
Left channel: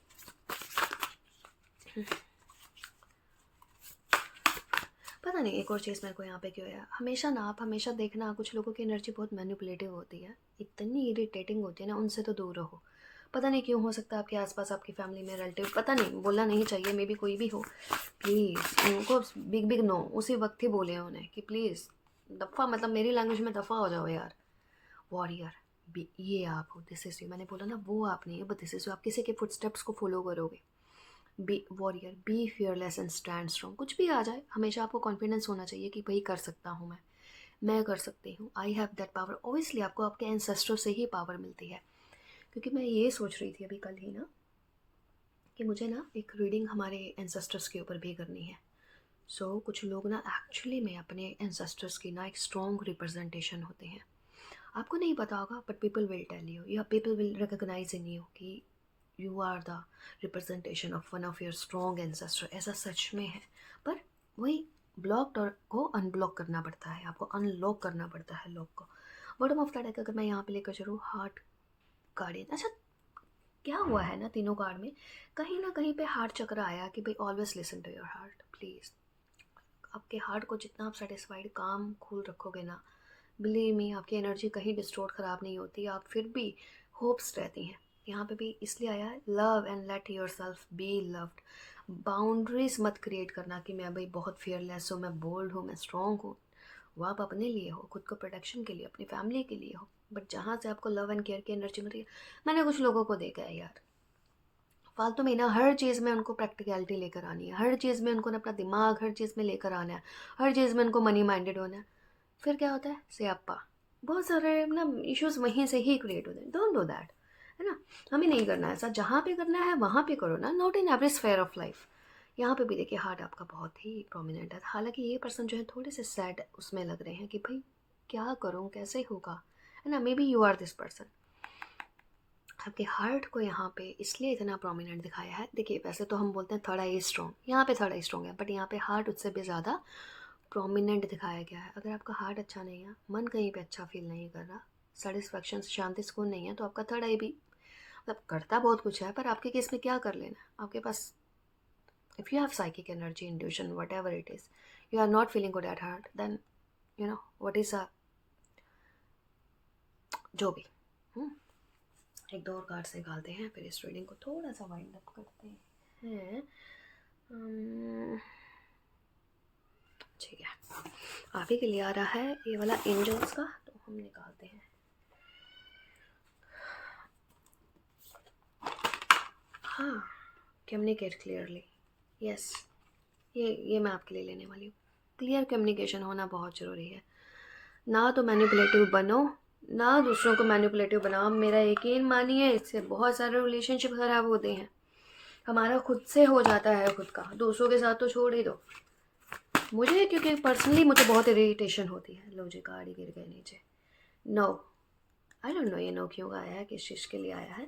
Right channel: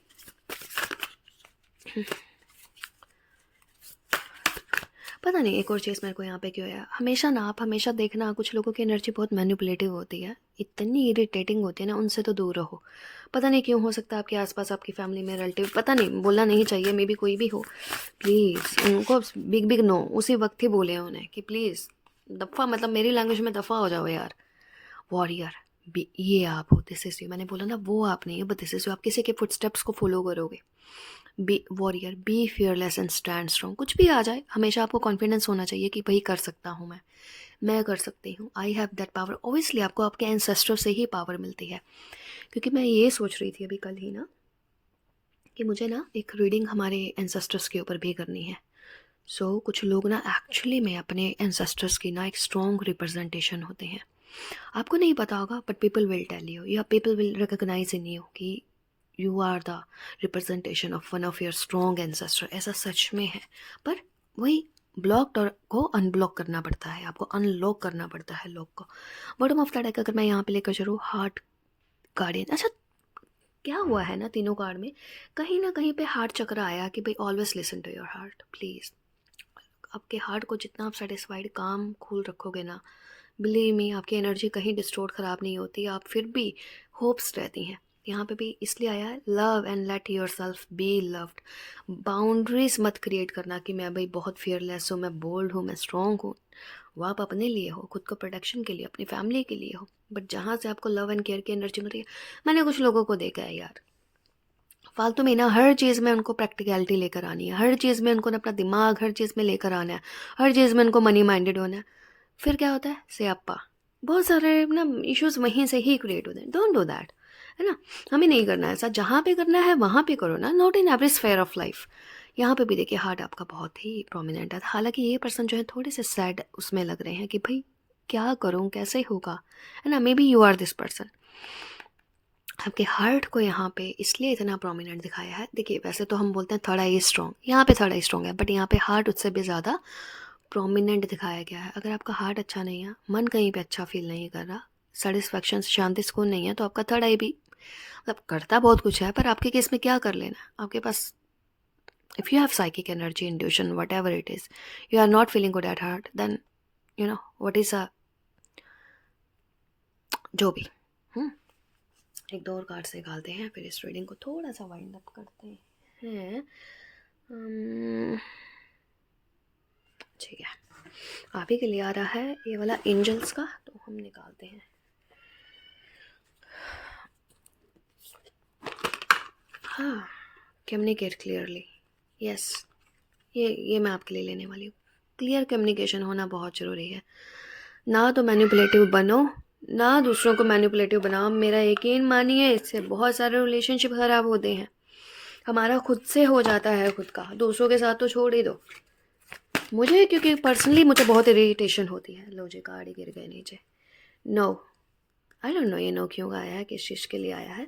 पता नहीं एक और चीज़ मेरे को यहाँ पे क्यों है, हमेशा ना आप हमेशा देखना कुछ लोगों की एनर्जी बहुत मैनिपुलेटिव होती है, इतनी इरिटेटिंग होती है ना, उनसे तो दूर रहो। पता नहीं क्यों, हो सकता है आपके आसपास आपकी फैमिली में रिलेटिव, पता नहीं, बोलना नहीं चाहिए, मे बी कोई भी हो, प्लीज़ उनको बिग बिग नो उसी वक्त ही बोले उन्हें कि प्लीज़ दफ़ा, मतलब मेरी लैंग्वेज में दफ़ा हो जाओ यार। वॉरियर, ये आप हो, दिस इज़ यू, मैंने बोला ना वो आप नहीं है, बट दिस इज़ यू, आप किसी के फुटस्टेप्स को फॉलो करोगे। Be warrior, be fearless and stand strong, कुछ भी आ जाए हमेशा आपको कॉन्फिडेंस होना चाहिए कि भाई कर सकता हूँ मैं कर सकती हूँ, I have that power. Obviously आपको आपके एंसेस्टर से ही पावर मिलती है, क्योंकि मैं ये सोच रही थी अभी कल ही ना कि मुझे ना एक रीडिंग हमारे एंसेस्टर्स के ऊपर भी करनी है। सो कुछ लोग ना एक्चुअली में अपने एंसेस्टर्स की ना एक स्ट्रॉन्ग रिप्रेजेंटेशन होते हैं। आपको नहीं पता होगा, but people will tell you, या people will recognise in you कि you are the representation of one of your strong ancestor. ऐसा सच में है, पर वही ब्लॉक को अनब्लॉक करना पड़ता है, आपको अनलॉक करना पड़ता है लॉक को। बॉटम ऑफ द डेक अगर मैं यहाँ पे लेकर चलूँ, हार्ट, गार्डियन, अच्छा क्या हुआ है ना तीनों कार्ड में, कहीं ना कहीं पे हार्ट चक्र आया कि भाई always listen to your heart, please. आपके हार्ट को जितना आप सेटिस्फाइड काम कूल रखोगे ना, बिलीव मी, आपकी एनर्जी कहीं डिस्टोर्ट ख़राब नहीं होती, आप फिर भी होप्स रहती हैं। यहाँ पे भी इसलिए आया है, love and let your self be loved. Boundaries मत क्रिएट करना कि मैं भाई बहुत फियरलेस हूँ, मैं बोल्ड हूँ, मैं स्ट्रॉन्ग हूँ। वो आप अपने लिए हो, खुद को प्रोटेक्शन के लिए, अपनी फैमिली के लिए हो, बट जहाँ से आपको लव एंड केयर की एनर्जी मिल रही है, मैंने कुछ लोगों को देखा है यार, फालतू में ना हर चीज़ में उनको प्रैक्टिकलिटी लेकर आनी है, हर चीज़ में उनको अपना दिमाग हर चीज़ में लेकर आना है, हर चीज़ में उनको मनी माइंडेड होना है। फिर क्या होता है, सियाप्पा, बहुत सारे ना इश्यूज वहीं से ही क्रिएट होते हैं। डोंट डू दैट, है ना। हमें नहीं करना है ऐसा, जहाँ पे करना है वहाँ पे करो ना, not in every sphere of life. यहाँ पे भी देखिए हार्ट आपका बहुत ही प्रोमिनेंट है, हालांकि ये पर्सन जो है थोड़े से सैड उसमें लग रहे हैं कि भाई क्या करूँ, कैसे होगा, है ना। Maybe you are this person. आपके हार्ट को यहाँ पे इसलिए इतना प्रोमिनेंट दिखाया है, देखिए वैसे तो हम बोलते हैं थर्ड आई स्ट्रॉन्ग, यहाँ पे थर्ड आई स्ट्रॉन्ग है, बट यहाँ पे हार्ट उससे भी ज़्यादा प्रोमिनेंट दिखाया गया है। अगर आपका हार्ट अच्छा नहीं है, मन कहीं पे अच्छा फील नहीं कर रहा, सेटिस्फैक्शन, शांति, सुकून नहीं है, तो आपका थर्ड आई भी मतलब करता बहुत कुछ है, पर आपके केस में क्या कर लेना, आपके पास if you have psychic energy, intuition, whatever it is, you are not feeling good at heart, then you know what is a जो भी। एक दो और कार्ड से निकालते हैं, फिर इस रीडिंग को थोड़ा सा वाइंड अप करते हैं। ठीक है, आप ही के लिए आ रहा है ये वाला एंजल्स का, तो हम निकालते हैं। हाँ, कम्युनिकेट क्लियरली, यस, ये मैं आपके लिए लेने वाली हूँ। क्लियर कम्युनिकेशन होना बहुत ज़रूरी है, ना तो मैनिपुलेटिव बनो, ना दूसरों को मैनिपुलेटिव बनाओ। मेरा यकीन मानिए, इससे बहुत सारे रिलेशनशिप ख़राब होते हैं, हमारा खुद से हो जाता है खुद का, दूसरों के साथ तो छोड़ ही दो। मुझे क्योंकि पर्सनली मुझे बहुत इरिटेशन होती है। लो जी, कार्ड ही गिर गए नीचे। नो, आई डोंट नो ये नो क्यों आया है, किस चीज़ के लिए आया है।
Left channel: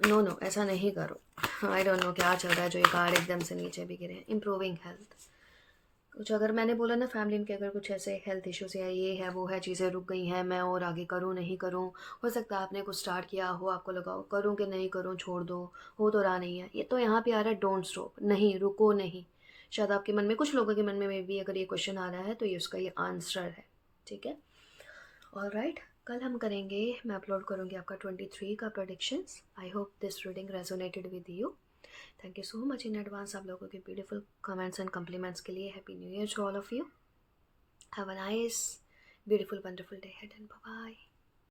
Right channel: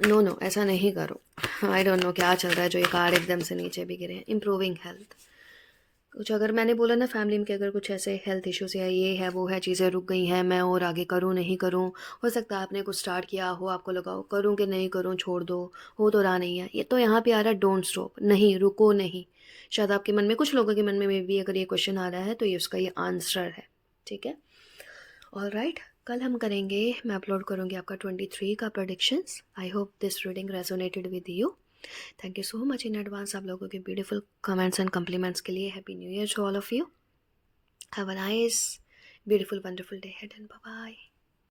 नो नो, ऐसा नहीं करो। आई डोंट नो क्या चल रहा है जो ये कार्ड एकदम से नीचे भी गिरे हैं। इम्प्रूविंग हेल्थ, कुछ अगर मैंने बोला ना फैमिली में कि अगर कुछ ऐसे हेल्थ इश्यूज है, ये है वो है, चीज़ें रुक गई हैं, मैं और आगे करूँ नहीं करूँ, हो सकता है आपने कुछ स्टार्ट किया हो, आपको लगा हो करूँ कि नहीं करूँ, छोड़ दो, हो तो रहा नहीं है, ये तो यहाँ पे आ रहा है डोंट स्टॉप, नहीं रुको नहीं। शायद आपके मन में, कुछ लोगों के मन में मे बी अगर ये क्वेश्चन आ रहा है तो ये उसका ये आंसर है। ठीक है, ऑल राइट, कल हम करेंगे, मैं अपलोड करूँगी आपका 23 का predictions. I hope this reading resonated with you. Thank you so much in advance आप लोगों के ब्यूटीफुल कमेंट्स एंड कम्प्लीमेंट्स के लिए। Happy new year to all of you. Have a nice beautiful wonderful day ahead and bye bye.